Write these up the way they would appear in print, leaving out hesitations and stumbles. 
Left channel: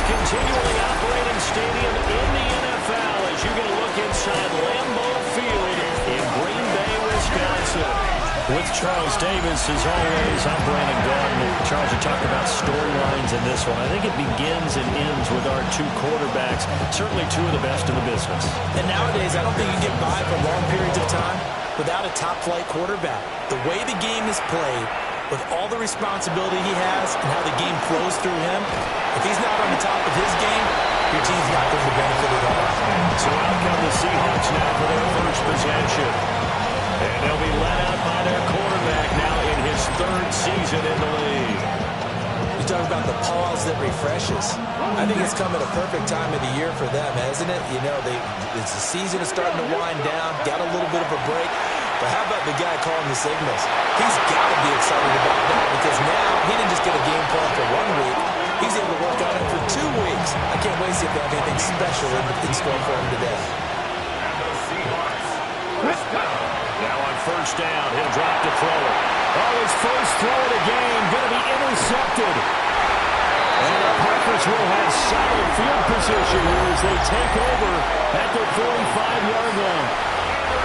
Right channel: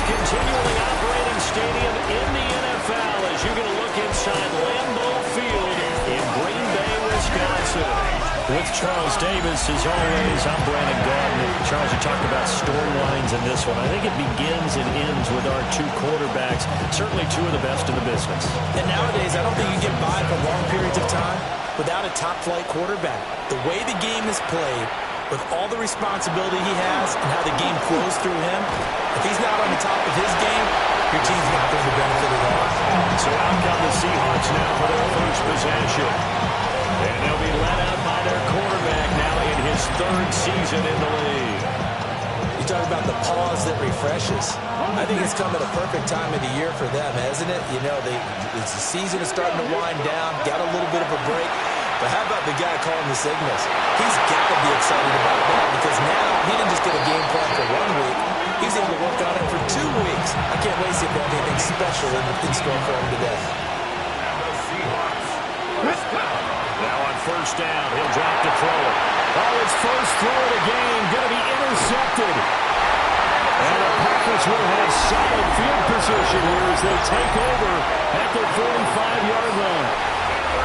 Continually operating stadium in the NFL as you're going to look inside Lambeau Field in Green Bay, Wisconsin. With Charles Davis, as always, I'm Brandon Gaudin. Charles, you talked about storylines in this one. I think it begins and ends with our two quarterbacks, certainly two of the best in the business. And nowadays, I don't think you get by for long periods of time without a top-flight quarterback. The way the game is played, with all the responsibility he has and how the game flows through him, if he's not on the top of his game, your team's not going to benefit at all. So out come the Seahawks now for their first possession. And they'll be led out by their quarterback now in his third season in the league. You talk about the pause that refreshes. I think it's come at a perfect time of the year for them, hasn't it? You know, the season is starting to wind down, got a little bit of a break. But how about the guy calling the signals? He's got to be excited about that because now he didn't just get a game plan for 1 week. He's able to work on it for 2 weeks. I can't wait to see if they have anything special in store for him today. And the Seahawks. Now on first down, he'll drop to throw it. Oh, his first throw of the game going to be intercepted. And the Packers will have solid field position here as they take over at their 45-yard line.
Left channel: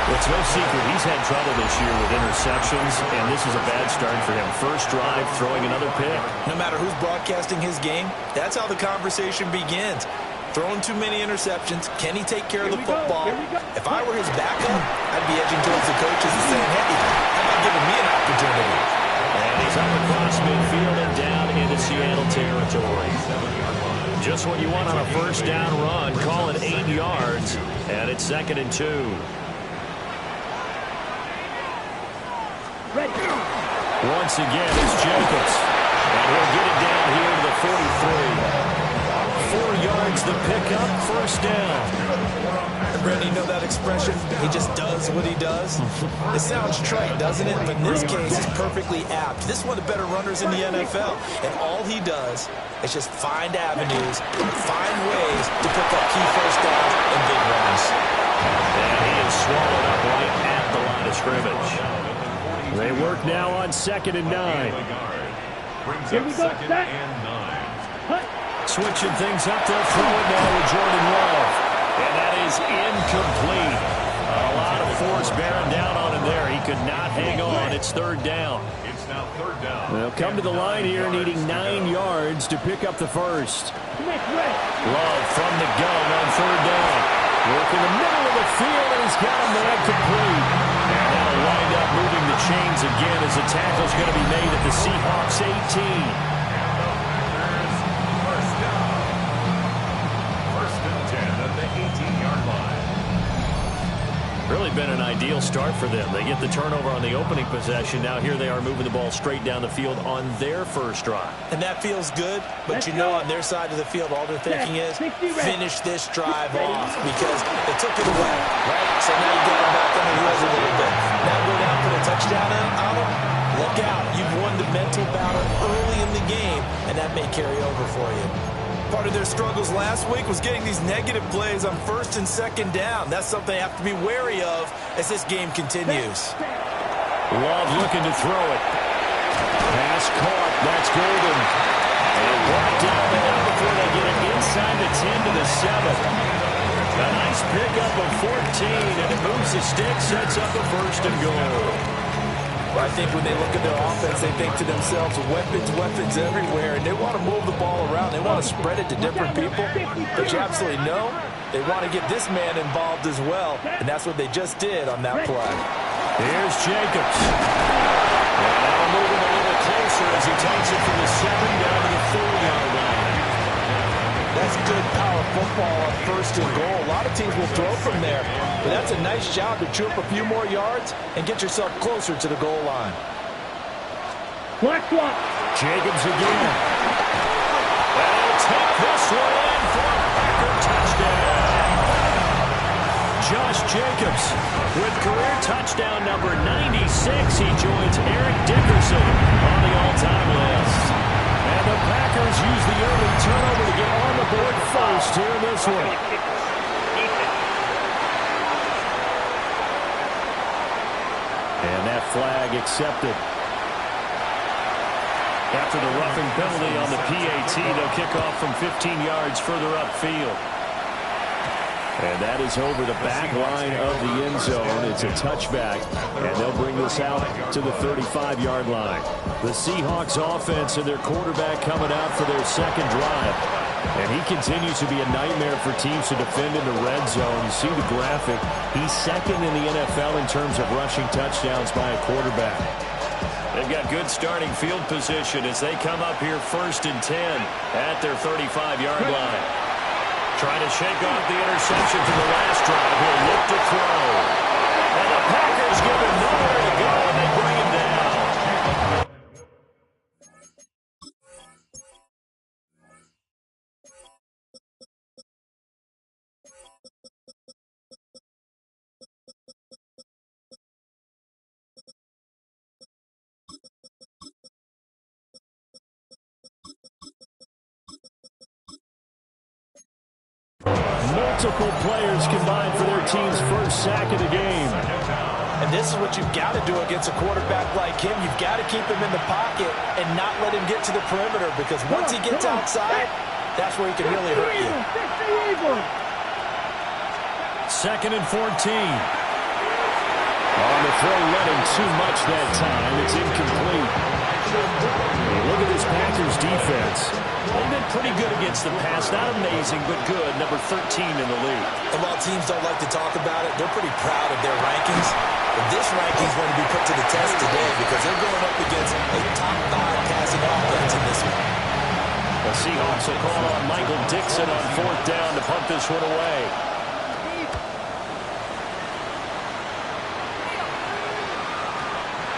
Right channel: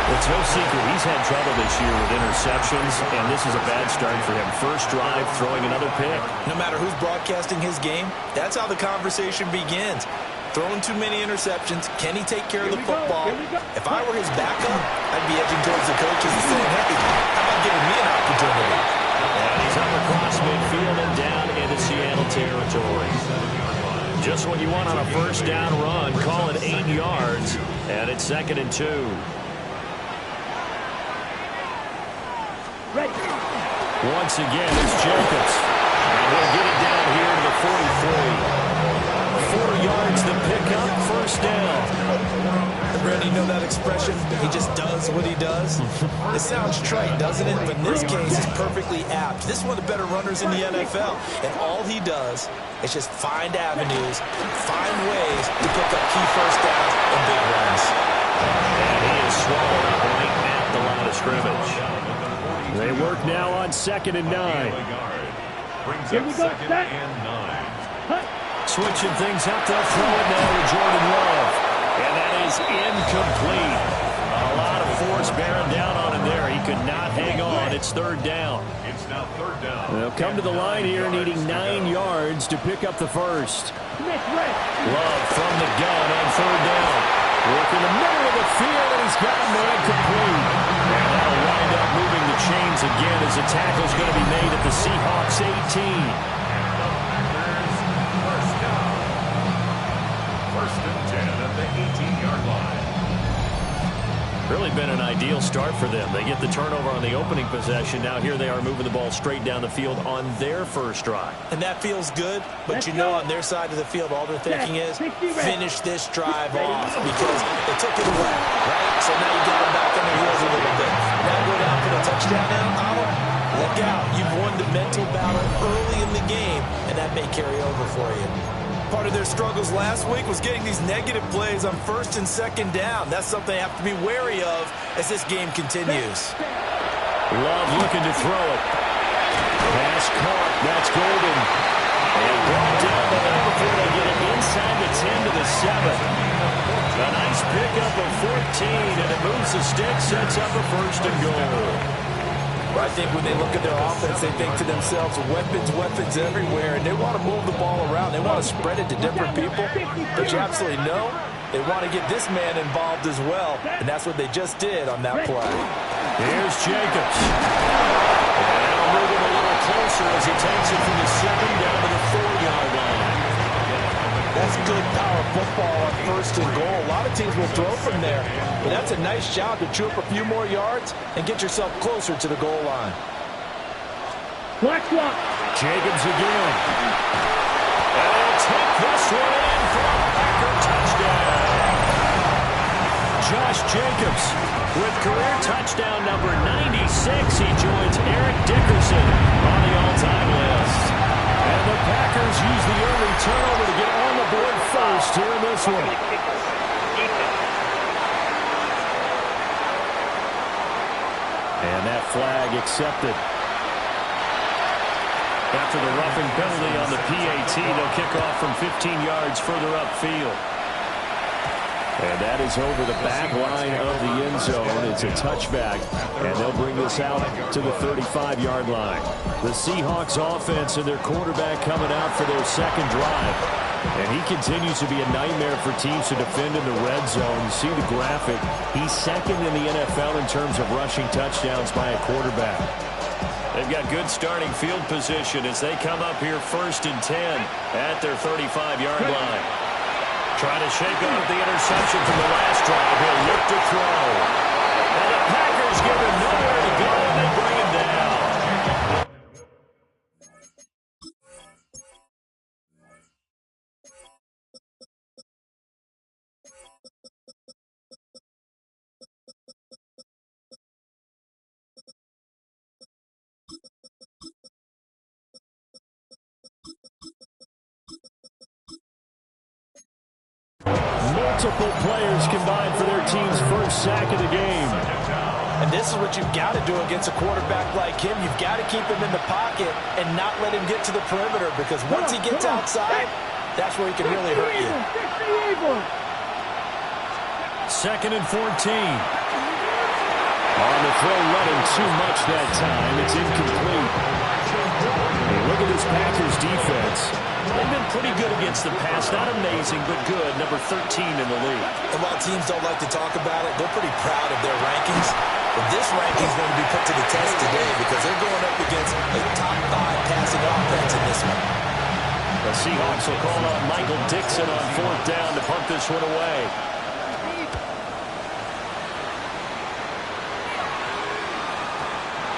It's no secret he's had trouble this year with interceptions, and this is a bad start for him. First drive, throwing another pick. No matter who's broadcasting his game, that's how the conversation begins. Throwing too many interceptions, can he take care of the football? If I were his backup, I'd be edging towards the coaches and saying, hey, how about giving me an opportunity? And he's up across midfield and down into Seattle territory. Just what you want on a first down run. Call it 8 yards, and it's 2nd and 2. Ready. Once again, it's Jacobs. And he'll get it down here to the 43. 4 yards the pickup, first down. Brandon, you know that expression? He just does what he does. It sounds trite, doesn't it? But in this case, it's perfectly apt. This is one of the better runners in the NFL. And all he does is just find avenues, find ways to pick up key first downs and big runs. And he is swallowed up right at the line of scrimmage. They work now on 2nd and 9. Here we go, set. Switching things up, they'll throw it now to Jordan Love. And that is incomplete. A lot of force bearing down on him there. He could not hang on. It's 3rd down. It's now 3rd down. They'll come to the line here needing 9 yards to pick up the first. Love from the gun on 3rd down. Work in the middle of the field, and he's got a man complete. And that'll wind up moving the chains again as the tackle's going to be made at the Seahawks 18. And the Packers first down. 1st and 10 at the 18-yard line. Really been an ideal start for them. They get the turnover on the opening possession. Now here they are moving the ball straight down the field on their first drive. And that feels good, but you know on their side of the field, all they're thinking is finish this drive off because they took it away, right? So now you got them back on their heels a little bit. Now go down for the touchdown on them. Look out. You've won the mental battle early in the game, and that may carry over for you. Part of their struggles last week was getting these negative plays on 1st and 2nd down. That's something they have to be wary of as this game continues. Love looking to throw it. Pass caught. That's Golden. And brought down the number before they get it inside the 10 to the 7. A nice pickup of 14, and it moves the stick, sets up a 1st and goal. I think when they look at their offense, they think to themselves, weapons, weapons everywhere, and they want to move the ball around. They want to spread it to different people, but you absolutely know they want to get this man involved as well, and that's what they just did on that play. Here's Jacobs. And that'll move him a little closer as he takes it from the 7 down to the 4-yard line. That's good power football on 1st and goal. A lot of teams will throw from there, but that's a nice job to chew up a few more yards and get yourself closer to the goal line. Jacobs again. And he'll take this one in for a Packer touchdown. Josh Jacobs with career touchdown number 96. He joins Eric Dickerson on the all-time list. And the Packers use the early turnover to get on the board first here in this one. And that flag accepted. After the roughing penalty on the PAT, they'll kick off from 15 yards further upfield. And that is over the back line of the end zone. It's a touchback, and they'll bring this out to the 35-yard line. The Seahawks offense and their quarterback coming out for their 2nd drive. And he continues to be a nightmare for teams to defend in the red zone. You see the graphic. He's 2nd in the NFL in terms of rushing touchdowns by a quarterback. They've got good starting field position as they come up here 1st and 10 at their 35-yard line. Trying to shake off the interception from the last drive. He'll look to throw. And the Packers give him nowhere to go, and they bring him down. Multiple players combined for their team's first sack of the game. And this is what you've got to do against a quarterback like him. You've got to keep him in the pocket and not let him get to the perimeter, because once he gets outside, that's where he can really hurt you. 2nd and 14. On the throw, running too much that time. It's incomplete. Hey, look at this Packers defense. They've been pretty good against the pass. Not amazing, but good. Number 13 in the league. And while teams don't like to talk about it, they're pretty proud of their rankings. But this ranking is going to be put to the test today because they're going up against a top 5 passing offense in this one. The Seahawks will call on Michael Dixon on 4th down to punt this one away.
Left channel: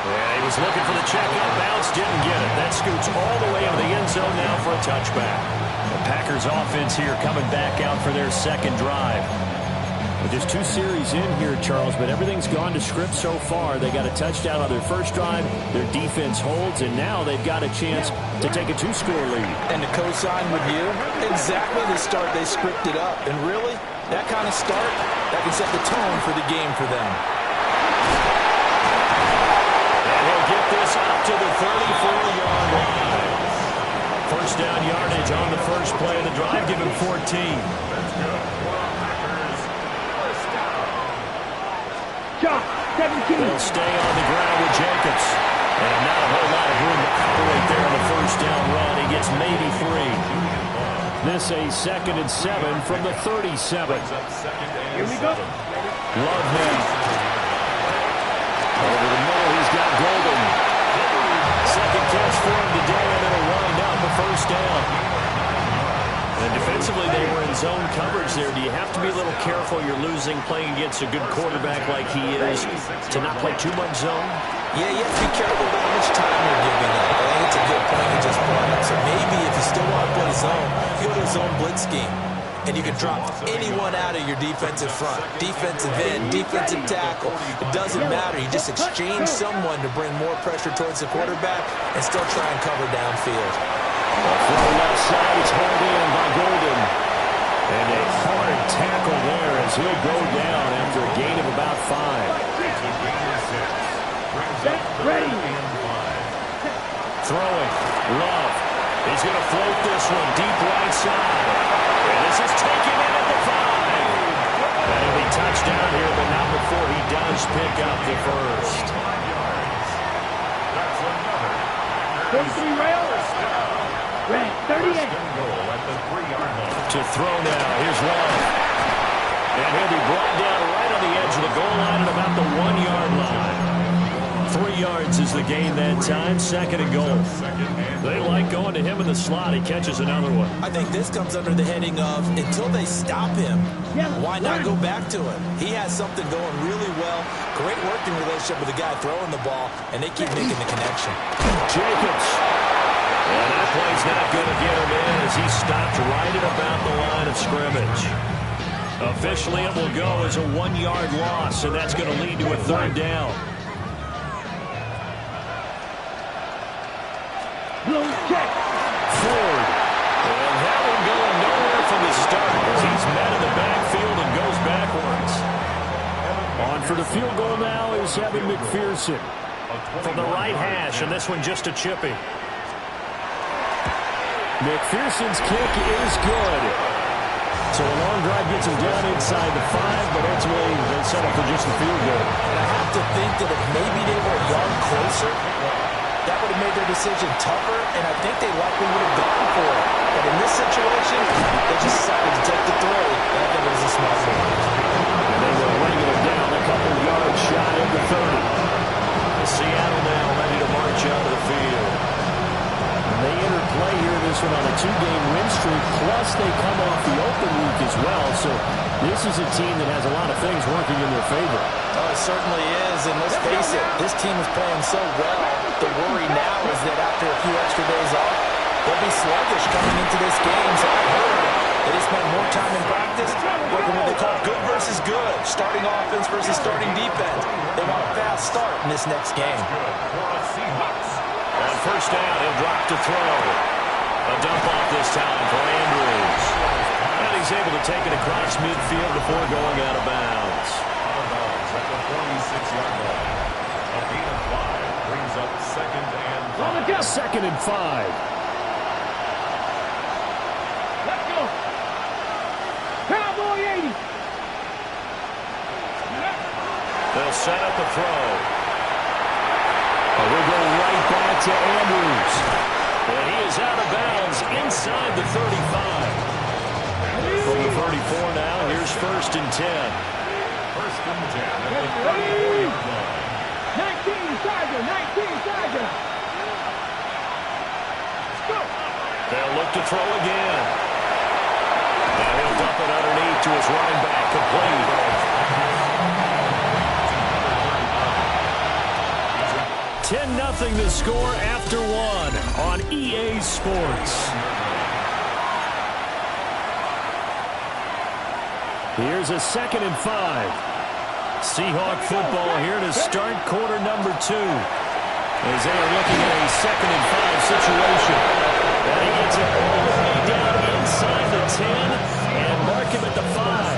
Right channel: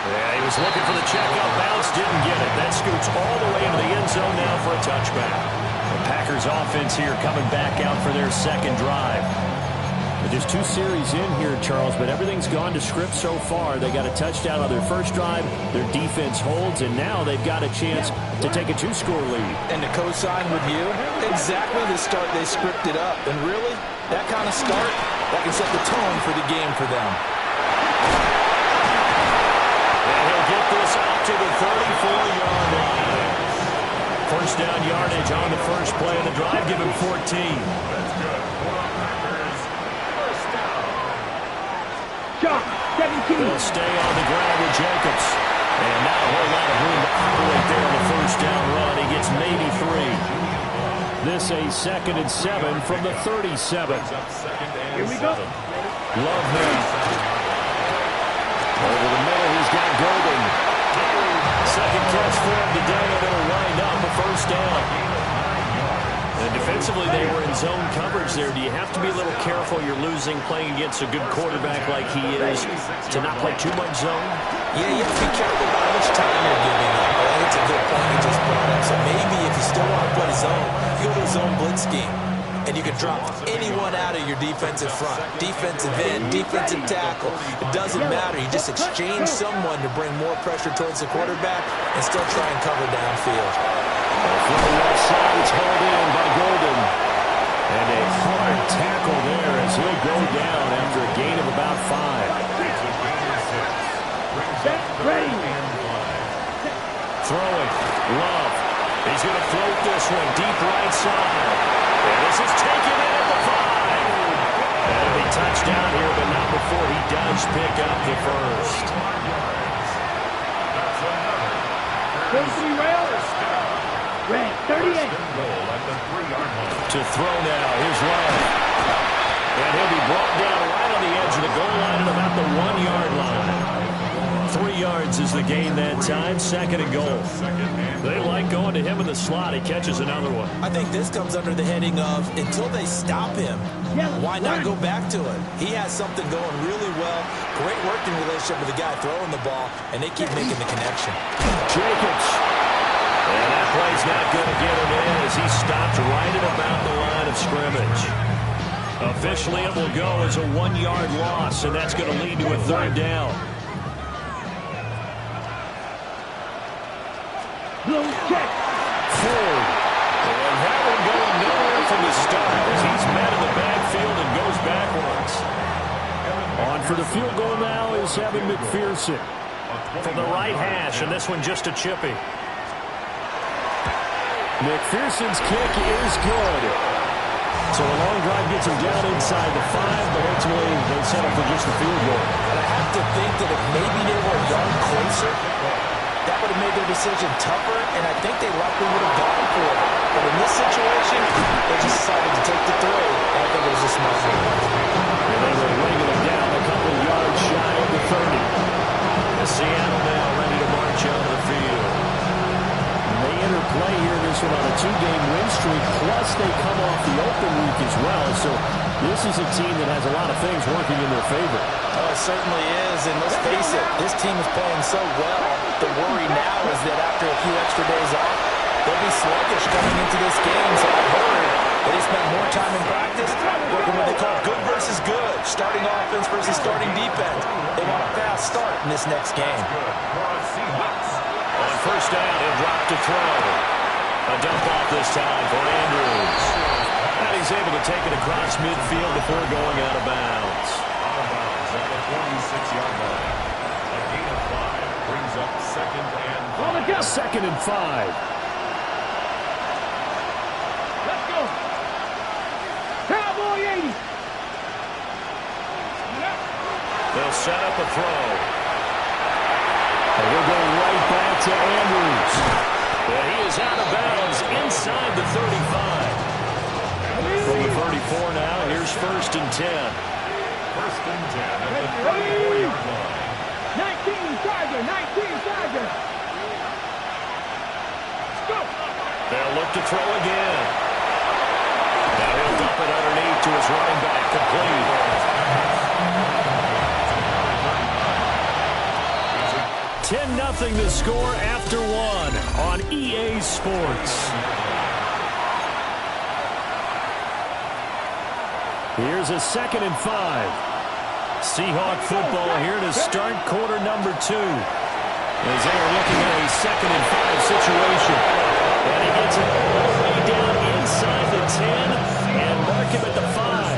Yeah, he was looking for the check-up bounce, didn't get it. That scoots all the way into the end zone now for a touchback. The Packers offense here coming back out for their second drive. But just 2 series in here, Charles, but everything's gone to script so far. They got a touchdown on their first drive. Their defense holds, and now they've got a chance to take a 2-score lead. And to co-sign with you, exactly the start they scripted up. And really, that kind of start, that can set the tone for the game for them. And he'll get this up to the 34-yard line. First down yardage on the first play of the drive. Give him 14. That's good. For the Packers, first down. Shot, 17. They'll stay on the ground with Jacobs. And not a whole lot of room to operate there on the first down run. He gets maybe 3. This a 2nd and 7 from the 37. Here we go. Love now. Over the middle, he's got Golden. Second catch for him today, and it'll wind up a first down. And defensively, they were in zone coverage there. Do you have to be a little careful? You're losing playing against a good quarterback like he is to not play too much zone? Yeah, you have to be careful about how much time you're giving up. I think it's a good point you just brought up. So maybe if you still want to play zone, you go to a zone blitz scheme. And you can drop anyone out of your defensive front. Defensive end, defensive tackle. It doesn't matter. You just exchange someone to bring more pressure towards the quarterback and still try and cover downfield. Throw left side, it's hauled in by Golden. And a hard tackle there as he'll go down after a gain of about 5. Ready. Throwing. Love. He's going to float this one deep right side. And this is taken in at the 5. And it'll be touchdown here, but not before he does pick up the first. 5 yards. That's another. 33 rails. Red, 38. First and goal at the 3-yard line. To throw now. Here's Love. And he'll be brought down right on the edge of the goal line at about the 1-yard line. 3 yards is the gain that time. 2nd and goal. They like going to him in the slot. He catches another one. I think this comes under the heading of until they stop him, why not go back to it? He has something going really well. Great working relationship with the guy throwing the ball, and they keep making the connection. Jacobs. And that play's not going to get him in as he stopped right at about the line of scrimmage. Officially, it will go as a 1-yard loss, and that's going to lead to a 3rd down. Check. Ford. And that one going nowhere from the start as he's met in the backfield and goes backwards. On for the field goal now is Evan McPherson from the right hash, and this one just a chippy. McPherson's kick is good. So a long drive gets him down inside the 5, but ultimately they settle for just the field goal. And I have to think that if maybe they were a yard closer, that would have made their decision tougher, and I think they likely would have gone for it. But in this situation, they just decided to take the 3, and I think it was a smart move. And they will wrangle him down a couple yards shy of the 30. And Seattle now ready to march out of the field. And they enter play here in this one on a 2-game win streak, plus they come off the open week as well. So this is a team that has a lot of things working in their favor. Oh, it certainly is, and let's face it, this team is playing so well. The worry now is that after a few extra days off, they'll be sluggish coming into this game. So I heard that they spent more time in practice working what they call good versus good, starting offense versus starting defense. They want a fast start in this next game. Good for a Seahawks. On first down, he'll drop to throw. A dump off this time for Andrews. And he's able to take it across midfield before going out of bounds. Out of bounds at the 46-yard line. A gain of 5 brings up 2nd and 5. 2nd and 5. Let's go. Cowboy 80. They'll set up a throw. And he'll go right back to Andrews. And he is out of bounds inside the 35. From the 34 now, here's 1st and 10. 1st and 10 at the 34-yard line. 19 Tiger, 19 Tiger. Let's go. They'll look to throw again. Now he'll dump it underneath to his running back, complete. 10-0 the score after one on EA Sports. Here's a 2nd and 5. Seahawk football here to start quarter number 2. As they are looking at a 2nd and 5 situation. And he gets it all the way down inside the 10 and mark him at the 5.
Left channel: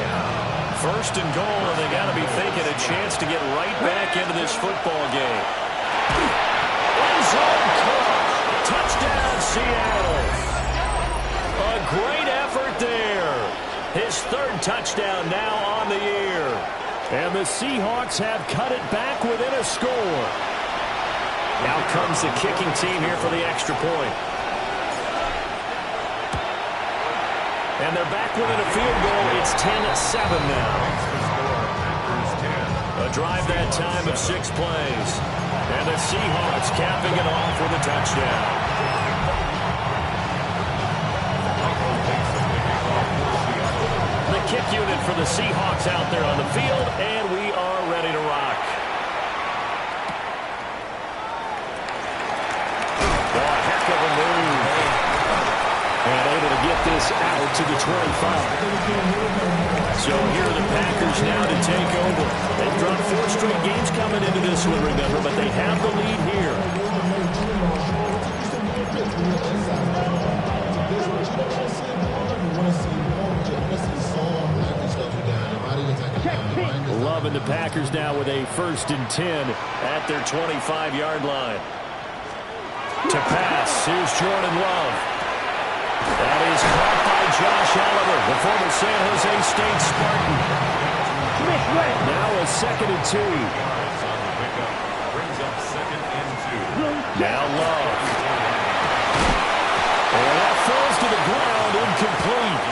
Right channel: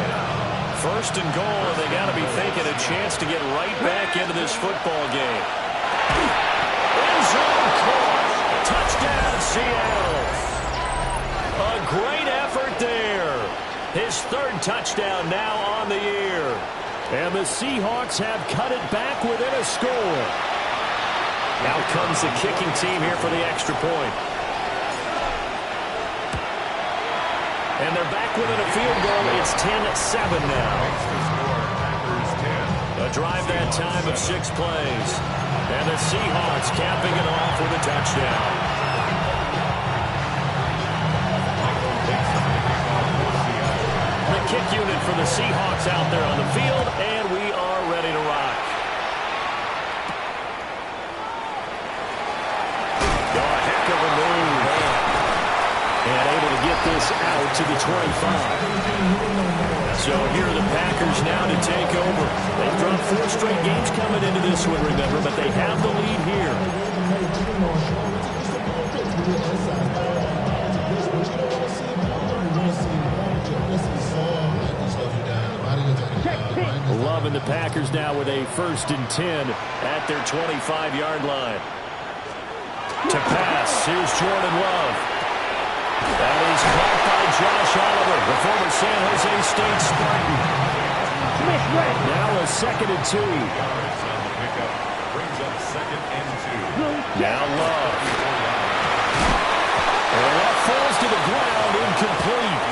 1st and goal, and they got to be thinking a chance to get right back into this football game. End zone caught. Touchdown, Seattle. A great effort there. His 3rd touchdown now on the year. And the Seahawks have cut it back within a score. Now comes the kicking team here for the extra point. And they're back within a field goal. It's 10-7 now. A drive that time of 6 plays. And the Seahawks capping it off with a touchdown. The kick unit for the Seahawks out there on the field, and we are ready to rock. Oh, a heck of a move. And able to get this out to the 25. So here are the Packers now to take over. They've dropped 4 straight games coming into this one, remember, but they have the lead here. Loving the Packers now with a 1st and 10 at their 25-yard line. To pass, here's Jordan Love. That is caught by Josh Oliver, the former San Jose State Spartan. Now a 2nd and 2. Brings up 2nd and 2. Now Love. And that falls to the ground, incomplete.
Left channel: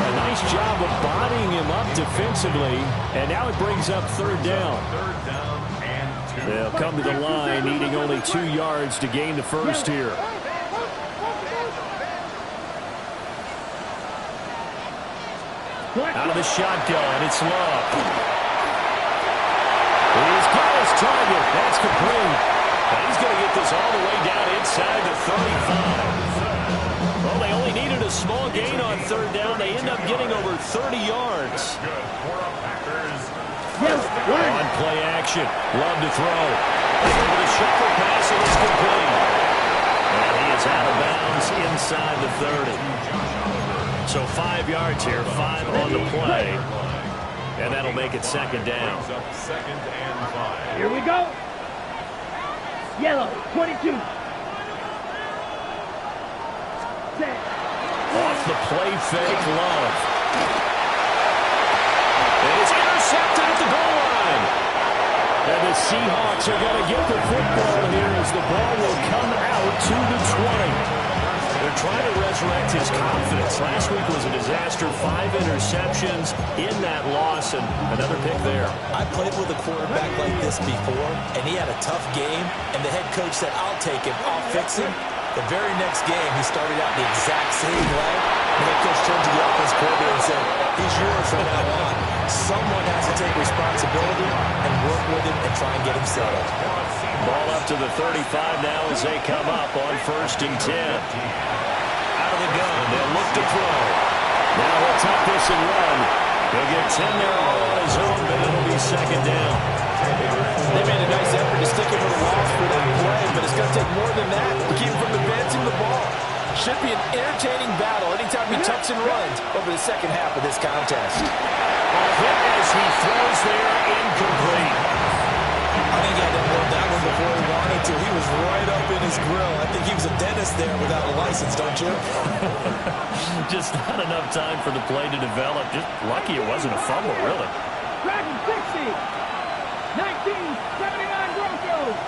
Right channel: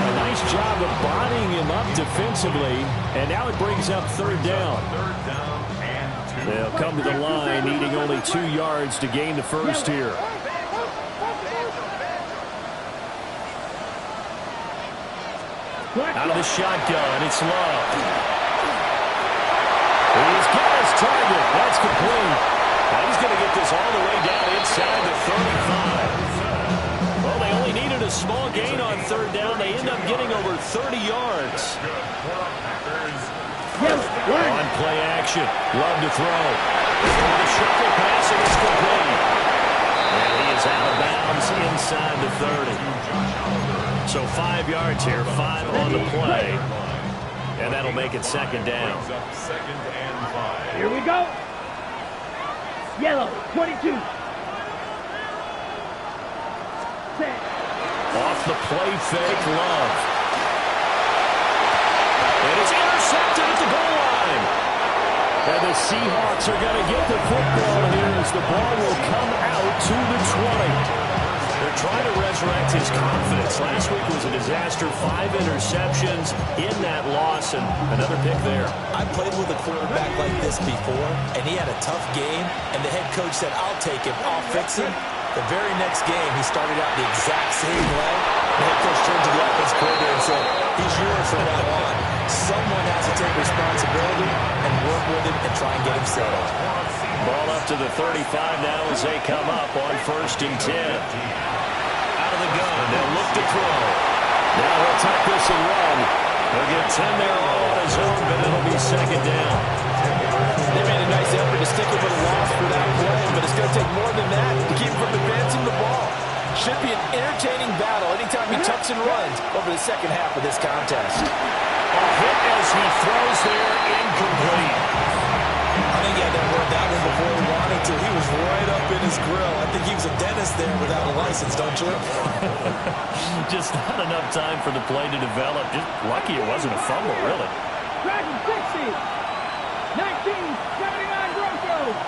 A nice job of bodying him up defensively, and now it brings up 3rd down. 3rd down and 2. They'll come to the line, needing only 2 yards to gain the 1st here. Out of the shotgun, it's Love. He's got his target. That's complete. Now he's going to get this all the way down inside the 35. Well, they only needed a small gain on 3rd down. They end up getting over 30 yards. On play action. Love to throw. They go with a shuffle pass, and it's complete. And he is out of bounds inside the 30. So 5 yards here, 5 on the play. And that'll make it 2nd down. 2nd and 5. Here we go. Yellow, 22. Set. Off the play fake, Love. And it's intercepted at the goal line. And the Seahawks are going to get the football here as the ball will come out to the 20. They're trying to resurrect his confidence. Last week was a disaster. 5 interceptions in that loss, and another pick there. I played with a quarterback like this before, and he had a tough game, and the head coach said, I'll take him, I'll fix him. The very next game, he started out the exact same way. The head coach turned to the offense coordinator and said, he's yours from now on. Someone has to take responsibility and work with him and try and get him settled. Ball up to the 35 now as they come up on 1st and 10. Out of the gun, they'll look to throw. Now he'll tuck this and run. He'll get 10 there all on his own, but it'll be 2nd down. They made a nice effort to stick him with a loss for that play, but it's going to take more than that to keep him from advancing the ball. Should be an entertaining battle anytime he tucks and runs over the 2nd half of this contest. A hit as he throws there, incomplete. I think he had to work that one before he wanted to. He was right up in his grill. I think he was a dentist there without a license, don't you? Just not enough time for the play to develop. Just lucky it wasn't a fumble, really. Dragon 60. 1979 Broncos.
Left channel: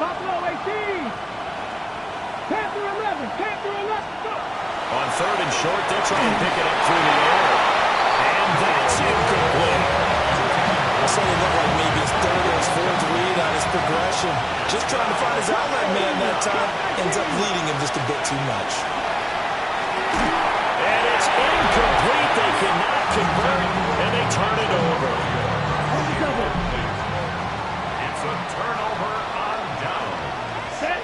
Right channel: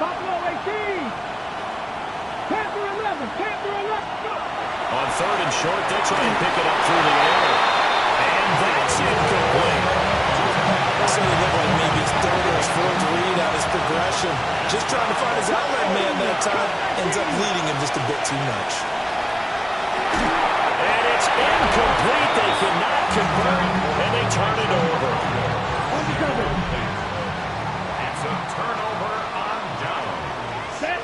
Buffalo 18. Panther 11. Panther 11. Go. On 3rd and short, they'll try and pick it up through the air. And that's incomplete. Certainly looked like maybe his third or his fourth read on his progression. Just trying to find his outlet man that time. Ends up leading him just a bit too much. And it's incomplete. They cannot convert, and they turn it over. It's a turnover on down. Set.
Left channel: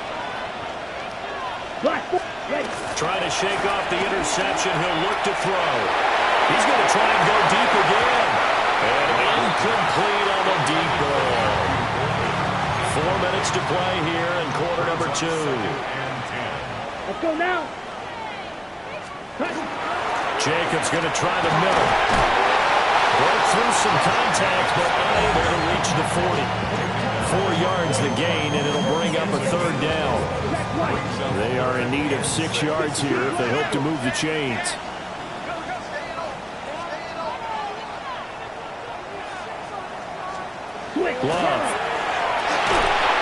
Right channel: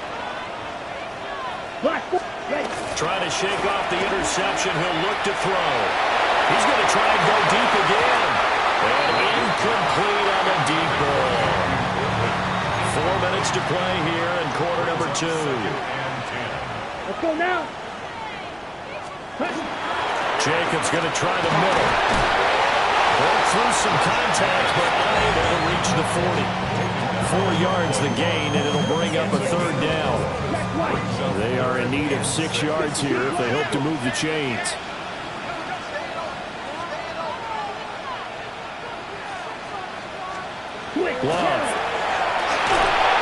Black. Ready. Trying to shake off the interception. He'll look to throw. He's going to try and go deep again. And incomplete on the deep ball. 4 minutes to play here in quarter number 2. Let's go now. Jacobs going to try the middle. Broke through some contact, but unable to reach the 40. 4 yards the gain, and it'll bring up a third down. They are in need of 6 yards here if they hope to move the chains. Glove.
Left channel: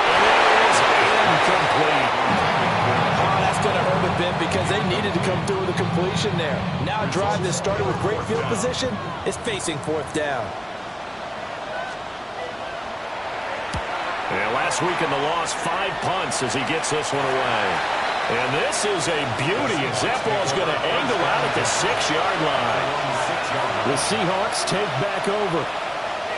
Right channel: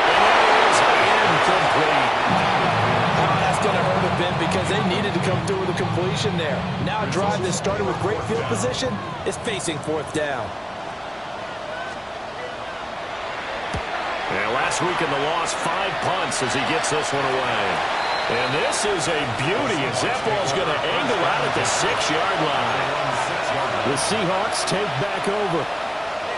And it is incomplete. Oh, that's going to hurt a bit because they needed to come through with a completion there. Now a drive that started with great field position is facing 4th down. And last week in the loss, 5 punts as he gets this one away. And this is a beauty as that ball's going to angle out at the 6-yard line. The Seahawks take back over.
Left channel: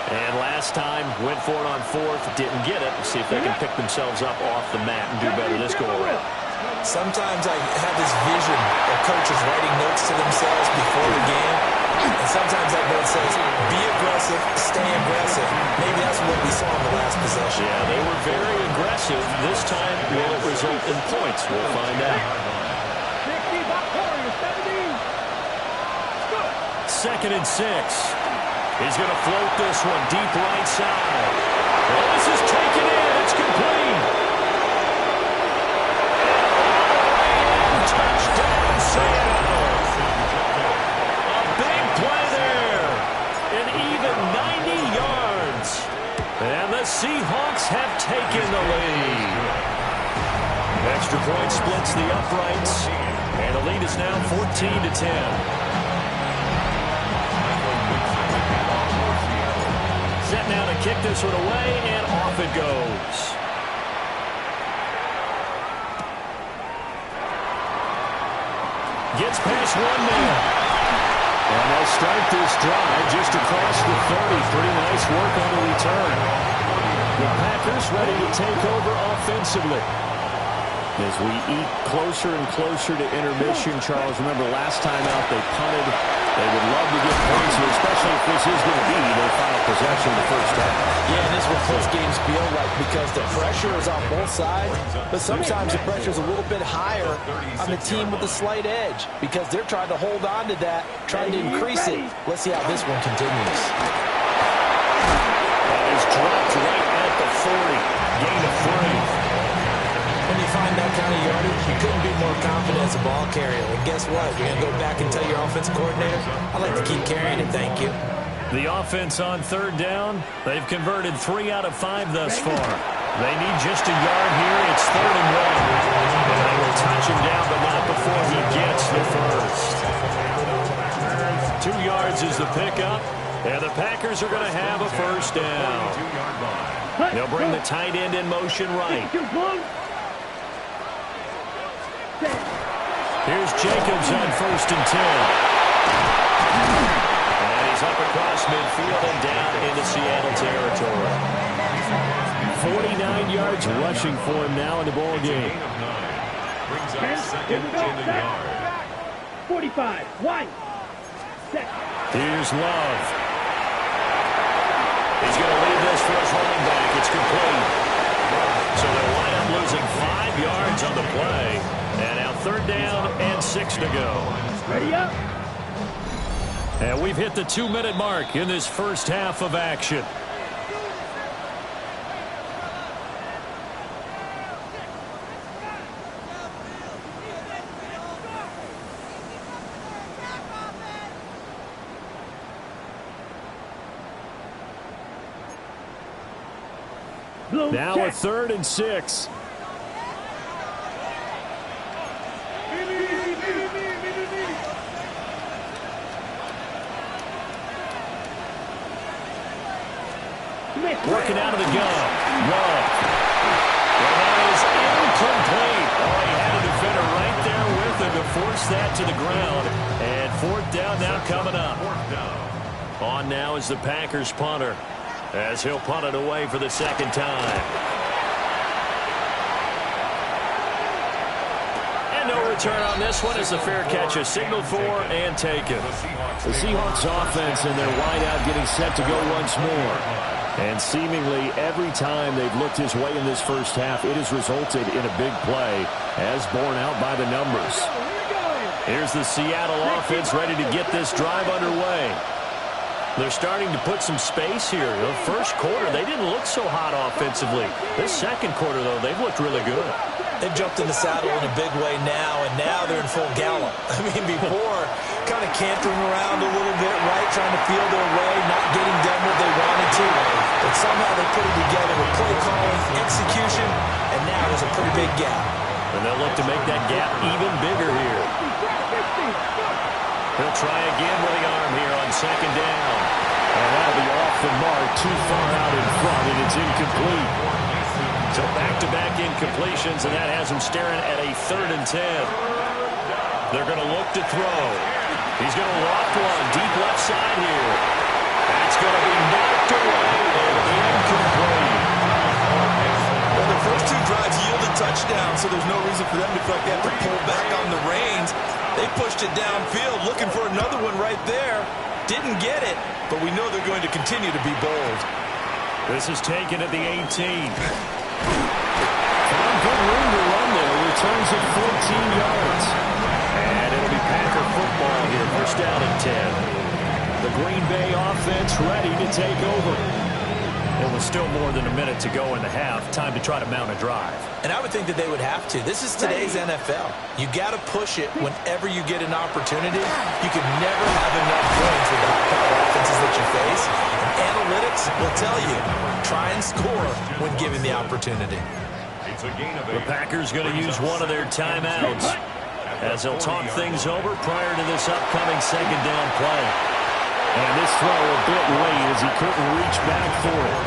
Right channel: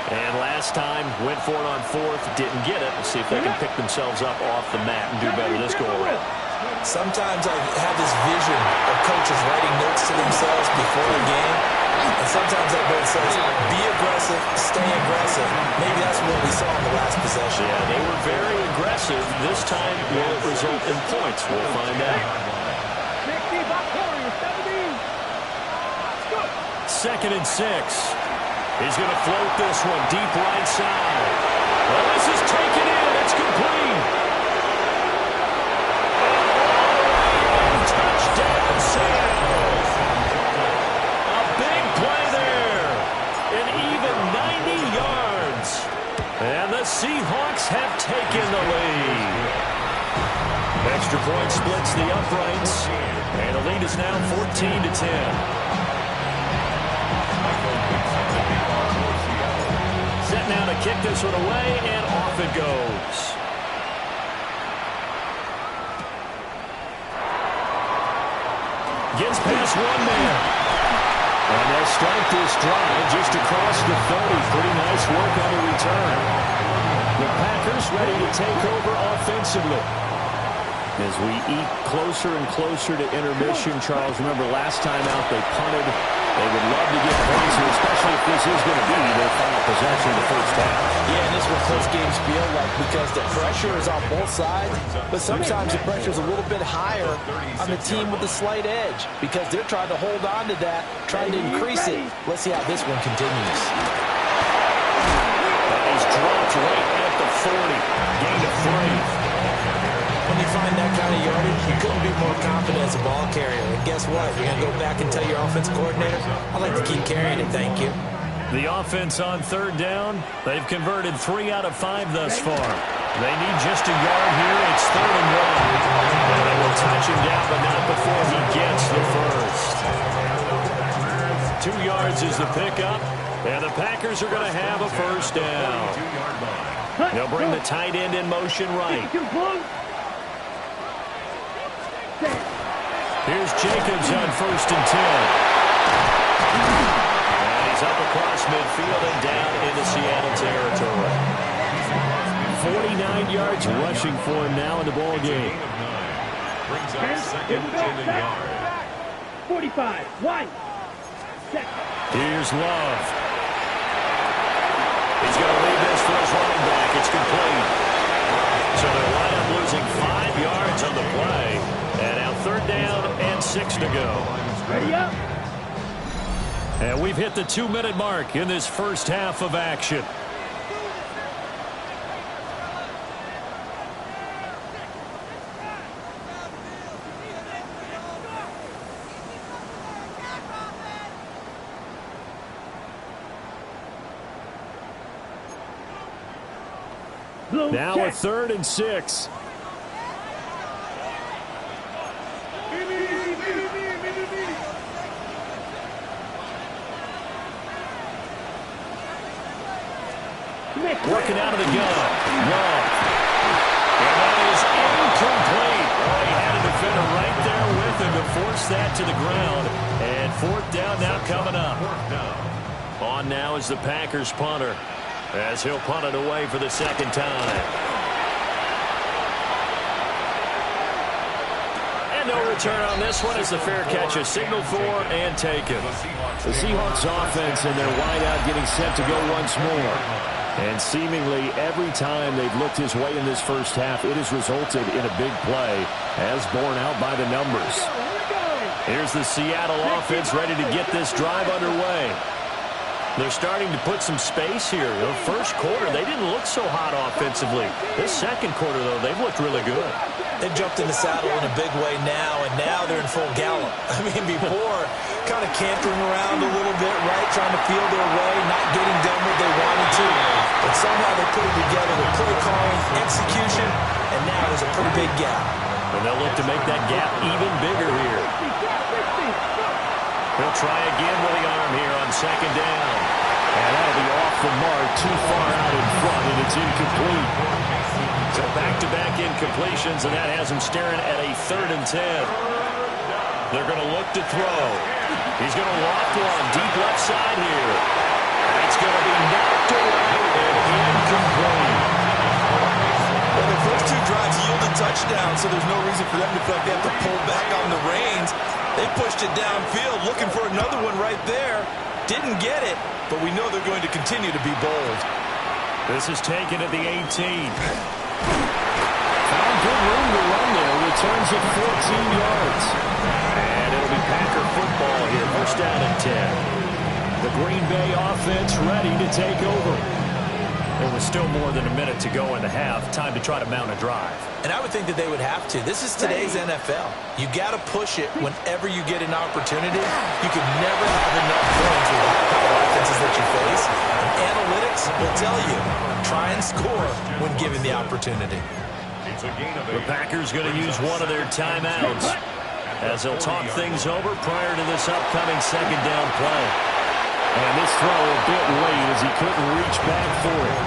And last time, went for it on 4th, didn't get it. Let's see if they can pick themselves up off the mat and do better this go-around. Sometimes I have this vision of coaches writing notes to themselves before the game. And sometimes that note says, be aggressive, stay aggressive. Maybe that's what we saw in the last possession. Yeah, they were very aggressive. This time, will it result in points? We'll find out. 2nd and 6. He's going to float this one deep right side. Well, this is taken in. It's complete. And all the way in. Touchdown, Seattle. A big play there. An even 90 yards. And the Seahawks have taken the lead. Extra point splits the uprights. And the lead is now 14-10. Set now to kick this one away, and off it goes. Gets past one man. And they'll start this drive just across the 30. Pretty nice work on the return. The Packers ready to take over offensively. As we eat closer and closer to intermission, Charles, remember last time out they punted. They would love to get points here, especially if this is going to be their final possession of the first half. Yeah, and this is what close games feel like because the pressure is on both sides, but sometimes the pressure is a little bit higher on the team with the slight edge because they're trying to hold on to that, trying to increase it. Let's see how this one continues. That is dropped right at the 40. Gain of 3. When you find that kind of yardage, you couldn't be more confident as a ball carrier. And guess what? You're going to go back and tell your offensive coordinator, I'd like to keep carrying it, thank you. The offense on 3rd down. They've converted 3 out of 5 thus far. They need just a yard here. It's 3rd and 1. And they will touch him down, but not before he gets the first. 2 yards is the pickup. And the Packers are going to have a first down. They'll bring the tight end in motion right. Here's Jacobs on 1st and 10. And he's up across midfield and down into Seattle territory. 49 yards rushing for him now in the ball game. Brings up 2nd and a yard. 45. 1. Second. Here's Love. He's going to leave this for his running back. It's complete. So they'll wind up losing 5 yards on the play. And now 3rd down and 6 to go. Ready up. And we've hit the 2-minute mark in this first half of action. Now a 3rd and 6. Working out of the gun. Love. And that is incomplete. Oh, he had a defender right there with him to force that to the ground. And fourth down now coming up. On now is the Packers punter, as he'll punt it away for the second time. And no return on this one as the fair catch is signaled for and taken. The Seahawks offense and their wideout getting set to go once more. And seemingly every time they've looked his way in this first half, it has resulted in a big play, as borne out by the numbers. Here's the Seattle offense ready to get this drive underway. They're starting to put some space here. You know, first quarter, they didn't look so hot offensively. This second quarter, though, they've looked really good. They've jumped in the saddle in a big way now, and now they're in full gallop. I mean, before, kind of cantering around a little bit, right, trying to feel their way, not getting done what they wanted to. But somehow they put it together with play calling, execution, and now there's a pretty big gap. And they'll look to make that gap even bigger here. He'll try again with the arm here on second down. And that'll be off the mark, too far out in front, and it's incomplete. So back-to-back incompletions, and that has him staring at a 3rd and 10. They're going to look to throw. He's going to loft one deep left side here. That's going to be knocked away and incomplete. Well, the first two drives yielded touchdowns, so there's no reason for them to feel like they have to pull back on the reins. They pushed it downfield, looking for another one right there. Didn't get it, but we know they're going to continue to be bold. This is taken at the 18. Found good room to run there. Returns at 14 yards. And it'll be Packer football here. First down and 10. The Green Bay offense ready to take over. There was still more than a minute to go in the half. Time to try to mount a drive. And I would think that they would have to. This is today's NFL. You got to push it whenever you get an opportunity. You can never have enough points with the high-powered offenses that you face. And analytics will tell you, try and score when given the opportunity. The Packers going to use one of their timeouts as they'll talk things over prior to this upcoming second down play. And this throw a bit late as he couldn't reach back for it.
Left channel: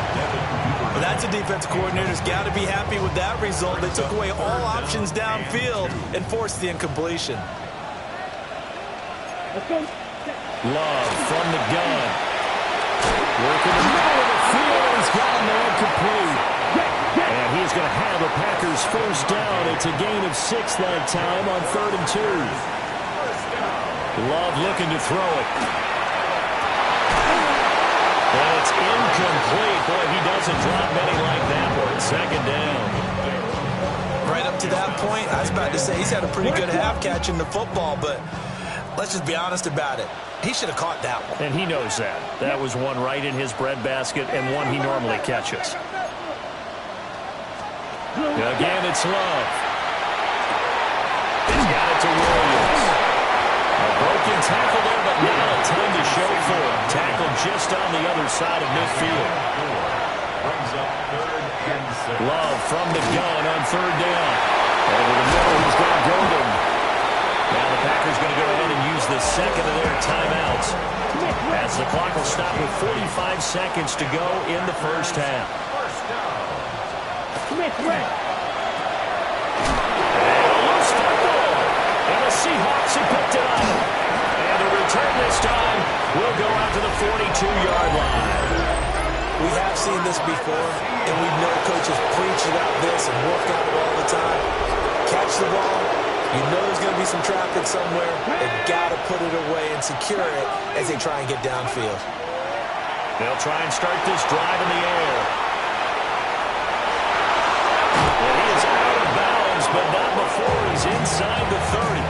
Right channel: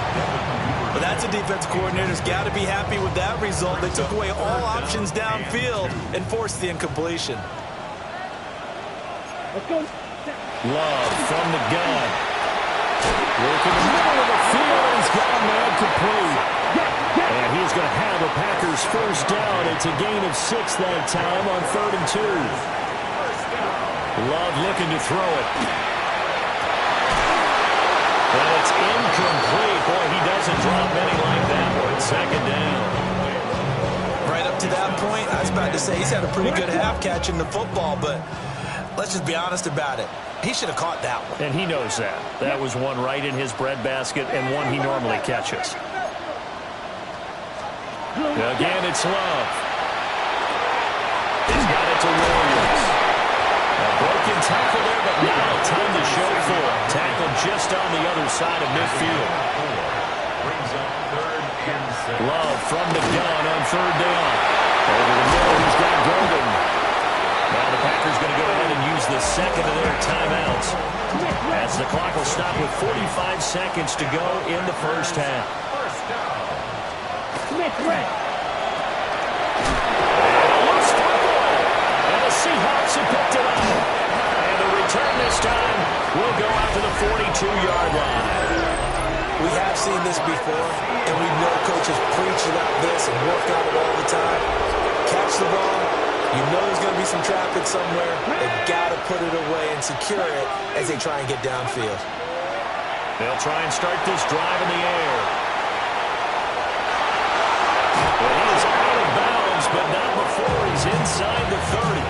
Well, that's a defense coordinator's got to be happy with that result. They took away all options downfield and forced the incompletion. Love from the gun. Working the middle of the field, and he's got a man complete. And he's going to have a Packers first down. It's a gain of 6 that time on 3rd and 2. Love looking to throw it. And it's incomplete. Boy, he doesn't drop many like that one. Second down. Right up to that point, I was about to say he's had a pretty good half catching the football, but let's just be honest about it. He should have caught that one. And he knows that. That was one right in his breadbasket and one he normally catches. Again, it's Love. He's got it to Williams. A broken tackle there, but not a ton to show for it. Tackled just on the other side of midfield. Brings up 3rd and 6. Love from the gun on 3rd down. Over the middle, he's got Golden. Now the Packers going to go ahead and use the second of their timeouts, as the clock will stop with 45 seconds to go in the first half. First down. And a loose football. And the Seahawks have picked it up. And the return this time will go out to the 42-yard line. We have seen this before, and we know coaches preach about this and work on it all the time. Catch the ball. You know there's going to be some traffic somewhere. They've got to put it away and secure it as they try and get downfield. They'll try and start this drive in the air. And he is out of bounds, but not before he's inside the 30.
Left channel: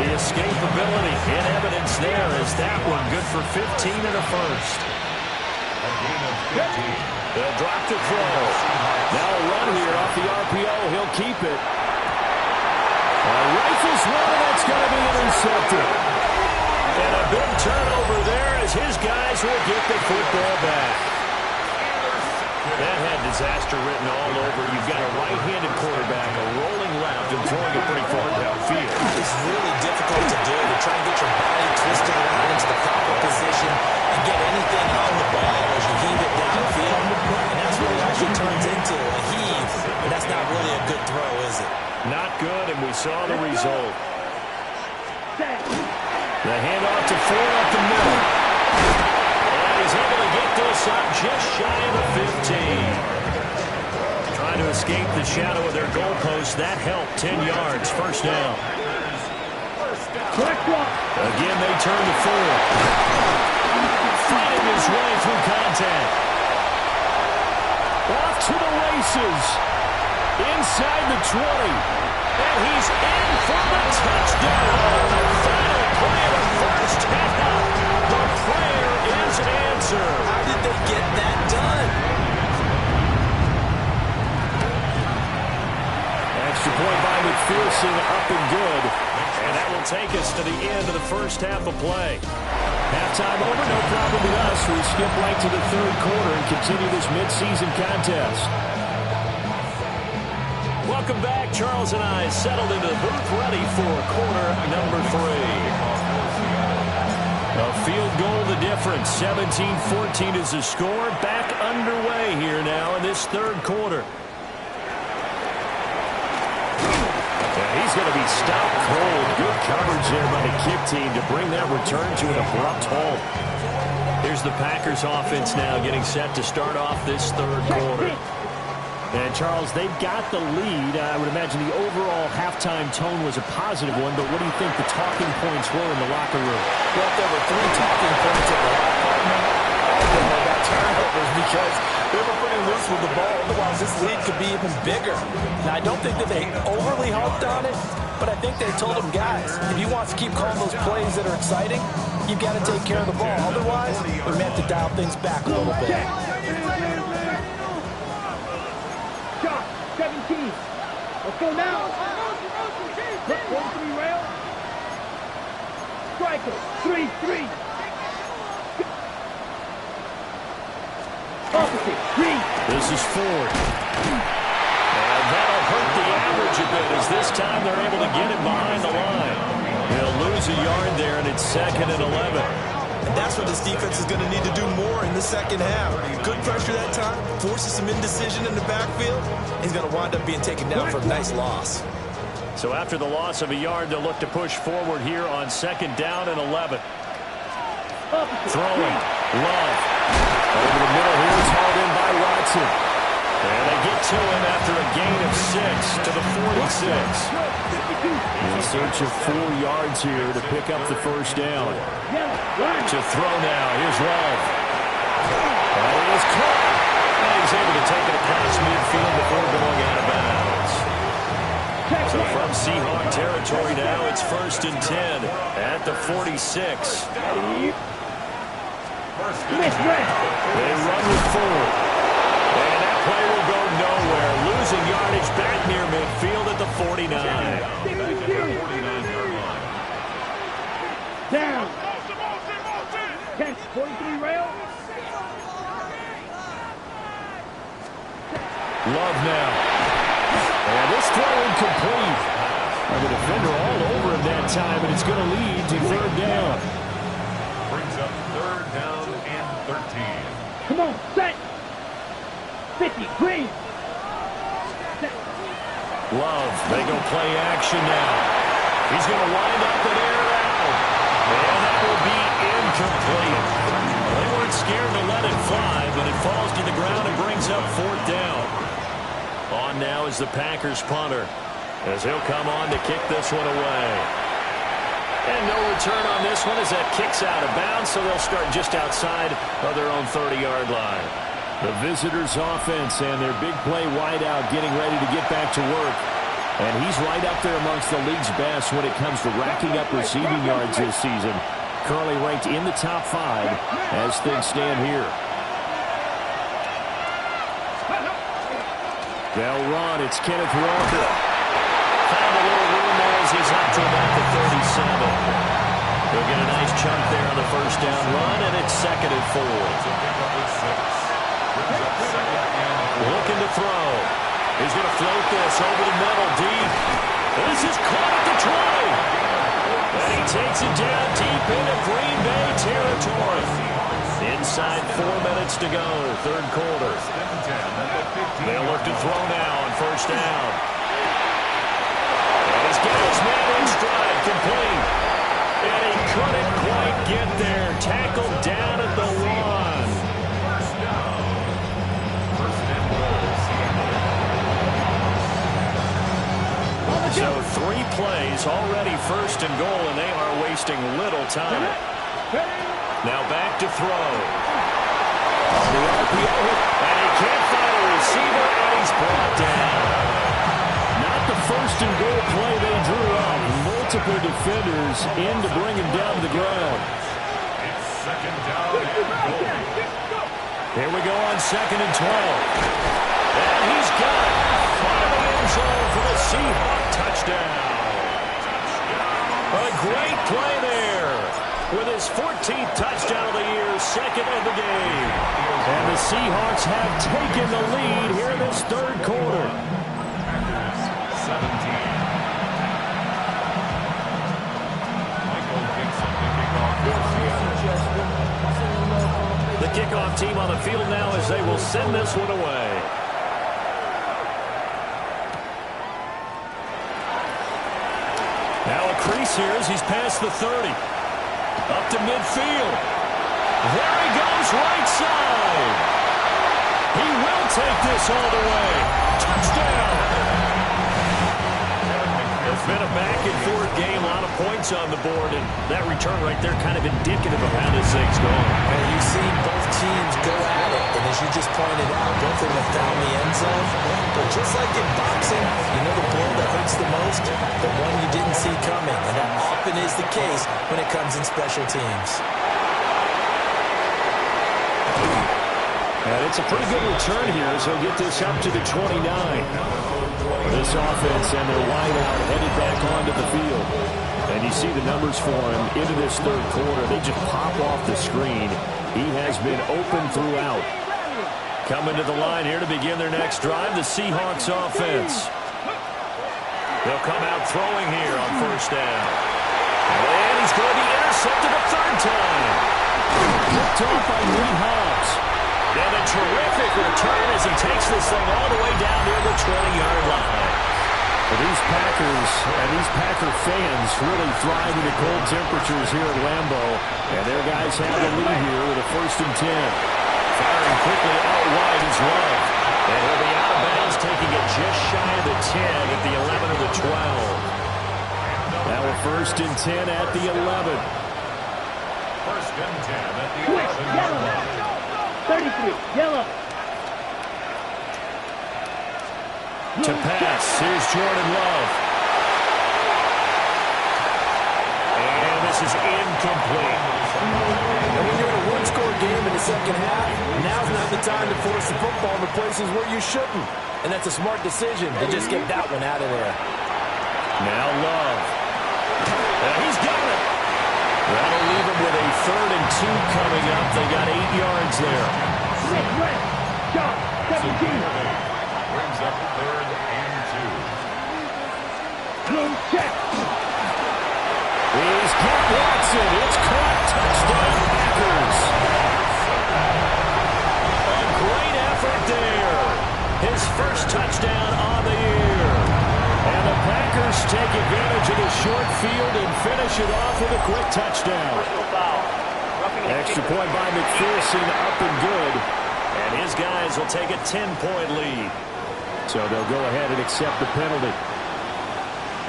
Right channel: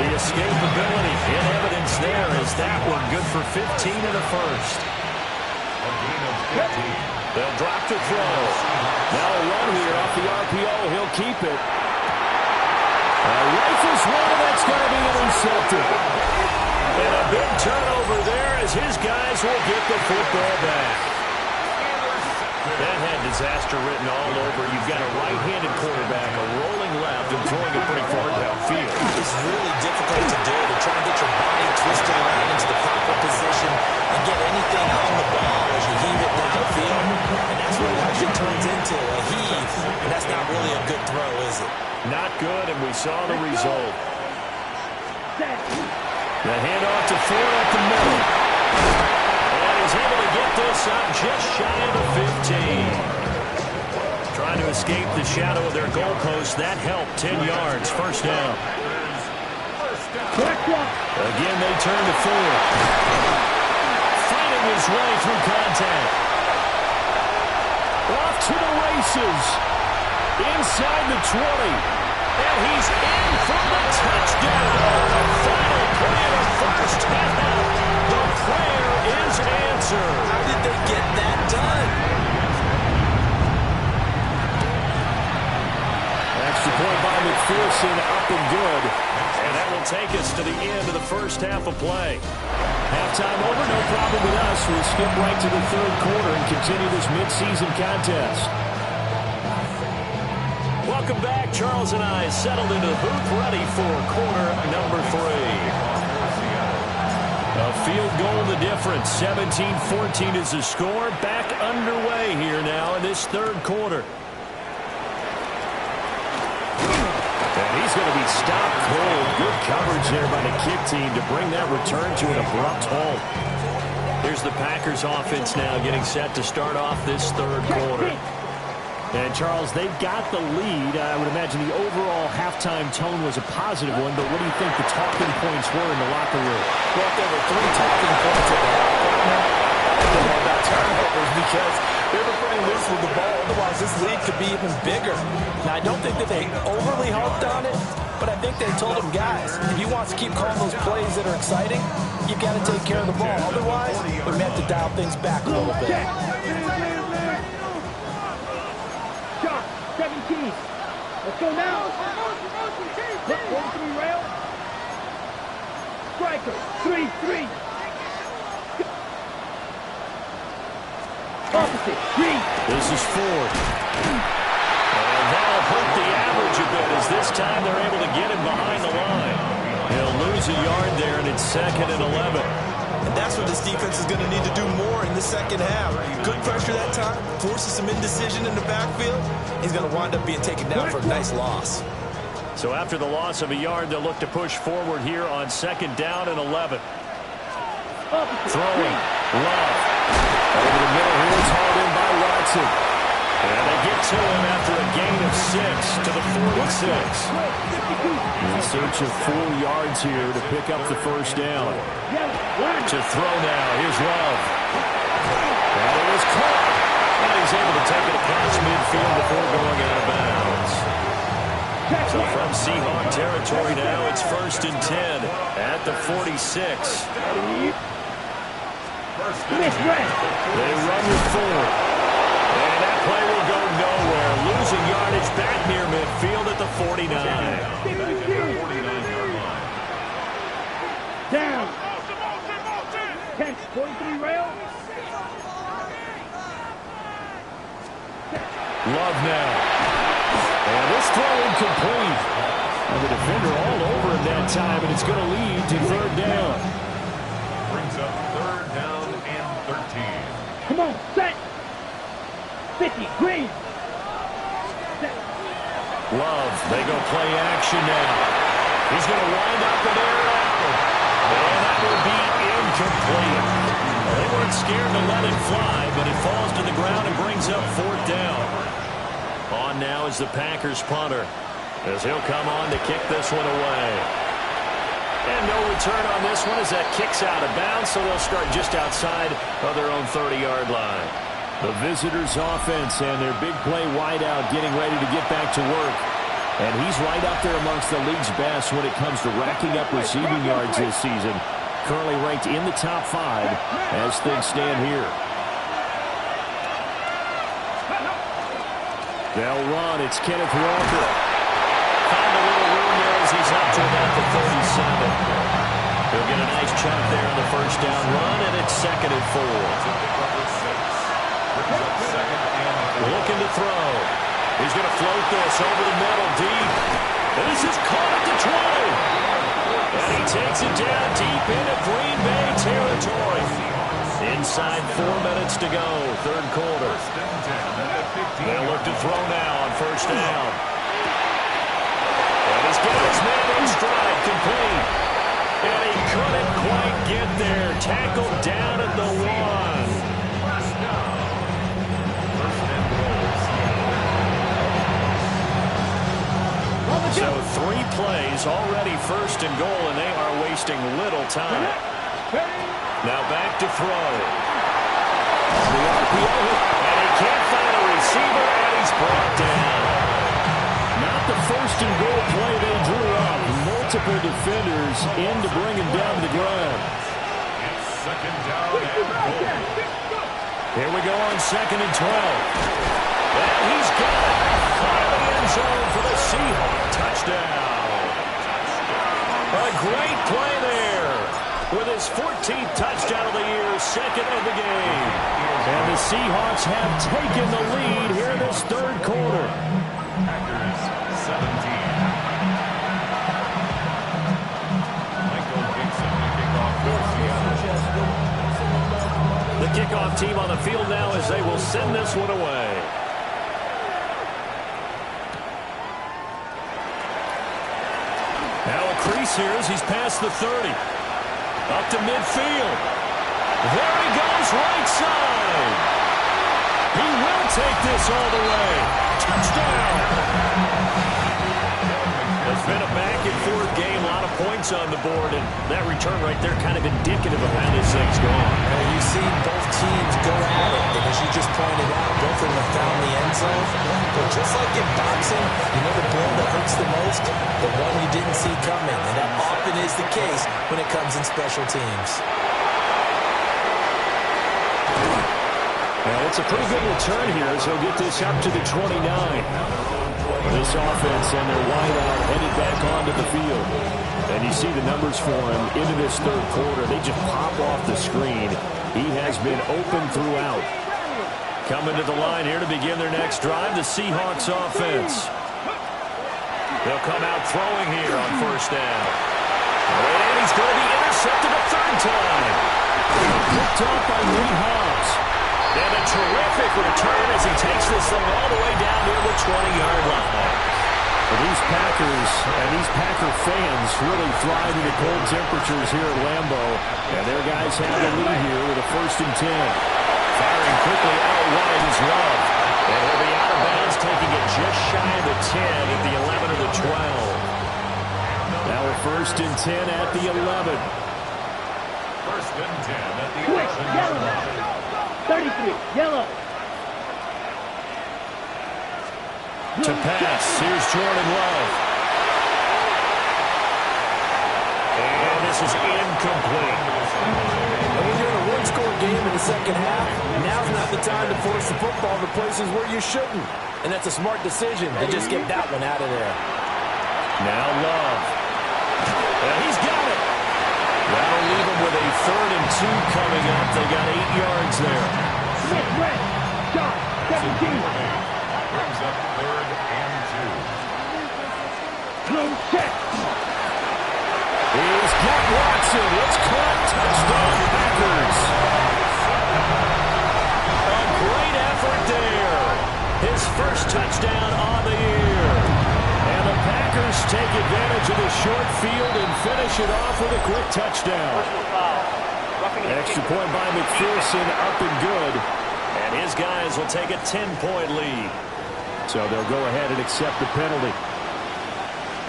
The escapability in evidence there is that one good for 15 in the first. A gain of 15. They'll drop to throw. Now a run here off the RPO. He'll keep it. Rifles one, and that's going to be intercepted. And a big turnover there as his guys will get the football back. That had disaster written all over. You've got a right-handed quarterback, a rolling left, and throwing it pretty far downfield. It's really difficult to do, to try and get your body twisted around into the proper position and get anything on the ball as you heave it downfield. And that's what it actually turns into, a heave. And that's not really a good throw, is it? Not good, and we saw the result. The handoff to Ford up the middle. And he's able to get this up just shy of the 15. Trying to escape the shadow of their goalpost. That helped. 10 yards. First down. Again, they turn to Ford. Fighting his way through contact. Off to the races. Inside the 20. And he's in for the touchdown. The final play of the first half. The prayer is answered. How did they get that done? Extra point by McPherson, up and good. And that will take us to the end of the first half of play. Halftime over, no problem with us. We skip right to the third quarter and continue this midseason contest. Welcome back. Charles and I settled into the booth, ready for quarter number 3. A field goal the difference. 17-14 is the score. Back underway here now in this third quarter. And he's going to be stopped cold. Good coverage there by the kick team to bring that return to an abrupt halt. Here's the Packers offense now getting set to start off this third quarter. And, Charles, they've got the lead. I would imagine the overall halftime tone was a positive one, but what do you think the talking points were in the locker room? Well, if there were 3 talking points at the half, partner, all of them were about turnovers because they were pretty loose with the ball. Otherwise, this lead could be even bigger. Now, I don't think that they overly harped on it, but I think they told them, guys, if you want to keep calling those plays that are exciting, you've got to take care of the ball. Otherwise, we may have to dial things back a little bit. 17. Let's go now. Look, 43 rail. Striker, 3-3. Opposite, 3. This is Ford. And that'll hurt the average a bit as this time they're able to get him behind the line. He'll lose a yard there, and it's 2nd and 11. And that's what this defense is going to need to do more in the second half. Good pressure that time, forces some indecision in the backfield. He's going to wind up being taken down for a nice loss. So after the loss of a yard, they'll look to push forward here on 2nd down and 11. Throwing. Love. Over the middle here, it's hauled in by Watson. And they get to him after a gain of 6 to the 46. In search of 4 yards here to pick up the first down. To throw now. Here's Love. And it is caught. And he's able to take it across midfield before going out of bounds. So from Seahawk territory now, it's 1st and 10 at the 46. They run with Ford. And that play will go nowhere. Losing yardage back near midfield at the 49. Down. 10, 43 rail. Love now. And this throw incomplete. And the defender all over him that time, and it's going to lead to 3rd down. Brings up 3rd down and 13. Come on, set. 50, green. Set. Love, they go play action now. He's going to wind up and air it out. And that will be incomplete. Well, they weren't scared to let it fly, but it falls to the ground and brings up 4th down. On now is the Packers punter, as he'll come on to kick this one away. And no return on this one as that kicks out of bounds, so they'll start just outside of their own 30-yard line. The visitors' offense and their big play wideout getting ready to get back to work. And he's right up there amongst the league's best when it comes to racking up receiving yards this season. Currently ranked in the top 5 as things stand here. They'll run. It's Kenneth Walker. Found a little room there as he's up to about the 37. He'll get a nice chunk there on the first down run, and it's 2nd and 4. Looking to throw. He's going to float this over the middle deep. And this is caught at the 20. And he takes it down deep into Green Bay territory. Inside 4 minutes to go, third quarter. They'll look to throw now on first down. And he's got his man in stride, complete. And he couldn't quite get there. Tackled down at the 1. First down. First and goal, Seattle. So 3 plays, already first and goal, and they are wasting little time. Now back to throw. On the RPO, and he can't find a receiver, and he's brought down. Not the first and goal play they drew up. Multiple defenders in to bring him down to the ground. It's second down and goal. Here we go on 2nd and 12. And he's got it. Caught in the end zone for the Seahawk touchdown. A great play there. With his 14th touchdown of the year, 2nd of the game. And the Seahawks have taken the lead here in this third quarter. Packers 17. Michael Dixon to kick off for Seattle. The kickoff team on the field now as they will send this one away. Now a crease here as he's past the 30. Up to midfield. There he goes, right side. He will take this all the way. Touchdown. It's been a back-and-forth game, a lot of points on the board, and that return right there kind of indicative of how this thing's gone. Well, you see both teams go at it, and as you just pointed out, both of them have found the end zone. But just like in boxing, you know the blow that hurts the most? The one you didn't see coming, and that often is the case when it comes in special teams. And it's a pretty good return here as he'll get this up to the 29. This offense and their wideout headed back onto the field. And you see the numbers for him into this third quarter. They just pop off the screen. He has been open throughout. Coming to the line here to begin their next drive, the Seahawks offense. They'll come out throwing here on first down. And he's going to be intercepted a third time. Picked off by Nate Hobbs. And a terrific return as he takes this thing all the way down near the 20-yard line. Well, these Packers and these Packer fans really thrive in the cold temperatures here at Lambeau. And their guys have the lead here with a 1st and 10. Firing quickly out wide is Love. And he'll be out of bounds, taking it just shy of the 10 at the 11 or the 12. Now a 1st and 10 at the 11. 1st and 10 at the 11-yard line. 33, yellow. To pass, here's Jordan Love. And this is incomplete. And when you're in a one-score game in the second half, now's not the time to force the football in the places where you shouldn't. And that's a smart decision to just get that one out of there. Now Love. He's got it. That'll leave him with a 3rd and 2 coming up. They got 8 yards there. Red, shot, 17. Brings up 3rd and 2. Blue check. He's got Watson. It's caught. Touchdown, Packers. A great effort there. His first touchdown on the year. And the Packers take advantage of the short field and finish it off with a quick touchdown. Extra point by McPherson, up and good. And his guys will take a 10-point lead. So they'll go ahead and accept the penalty.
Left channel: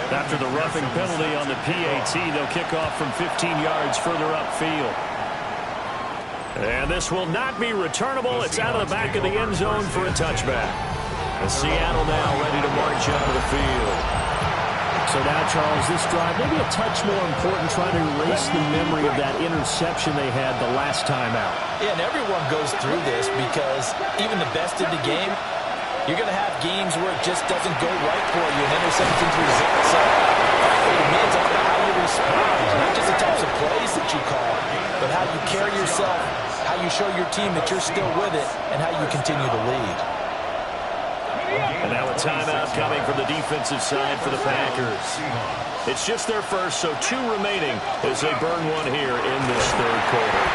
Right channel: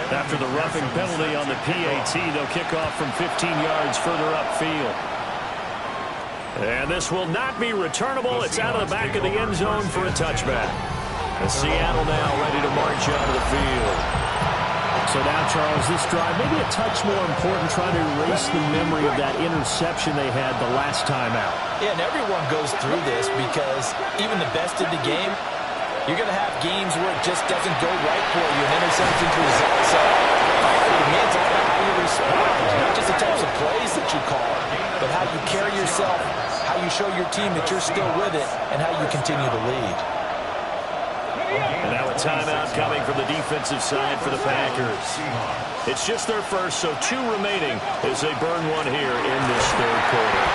After the roughing penalty on the PAT, they'll kick off from 15 yards further upfield. And this will not be returnable. It's out of the back of the end zone for a touchback. Seattle now ready to march out of the field. So now, Charles, this drive maybe a touch more important, trying to erase the memory of that interception they had the last time out. Yeah, and everyone goes through this because even the best in the game, you're going to have games where it just doesn't go right for you, and interceptions result. So, frankly, to me, it's all about how you respond, not just the types of plays that you call, but how you carry yourself, how you show your team that you're still with it, and how you continue to lead. And now a timeout coming from the defensive side for the Packers. It's just their first, so 2 remaining as they burn one here in this third quarter.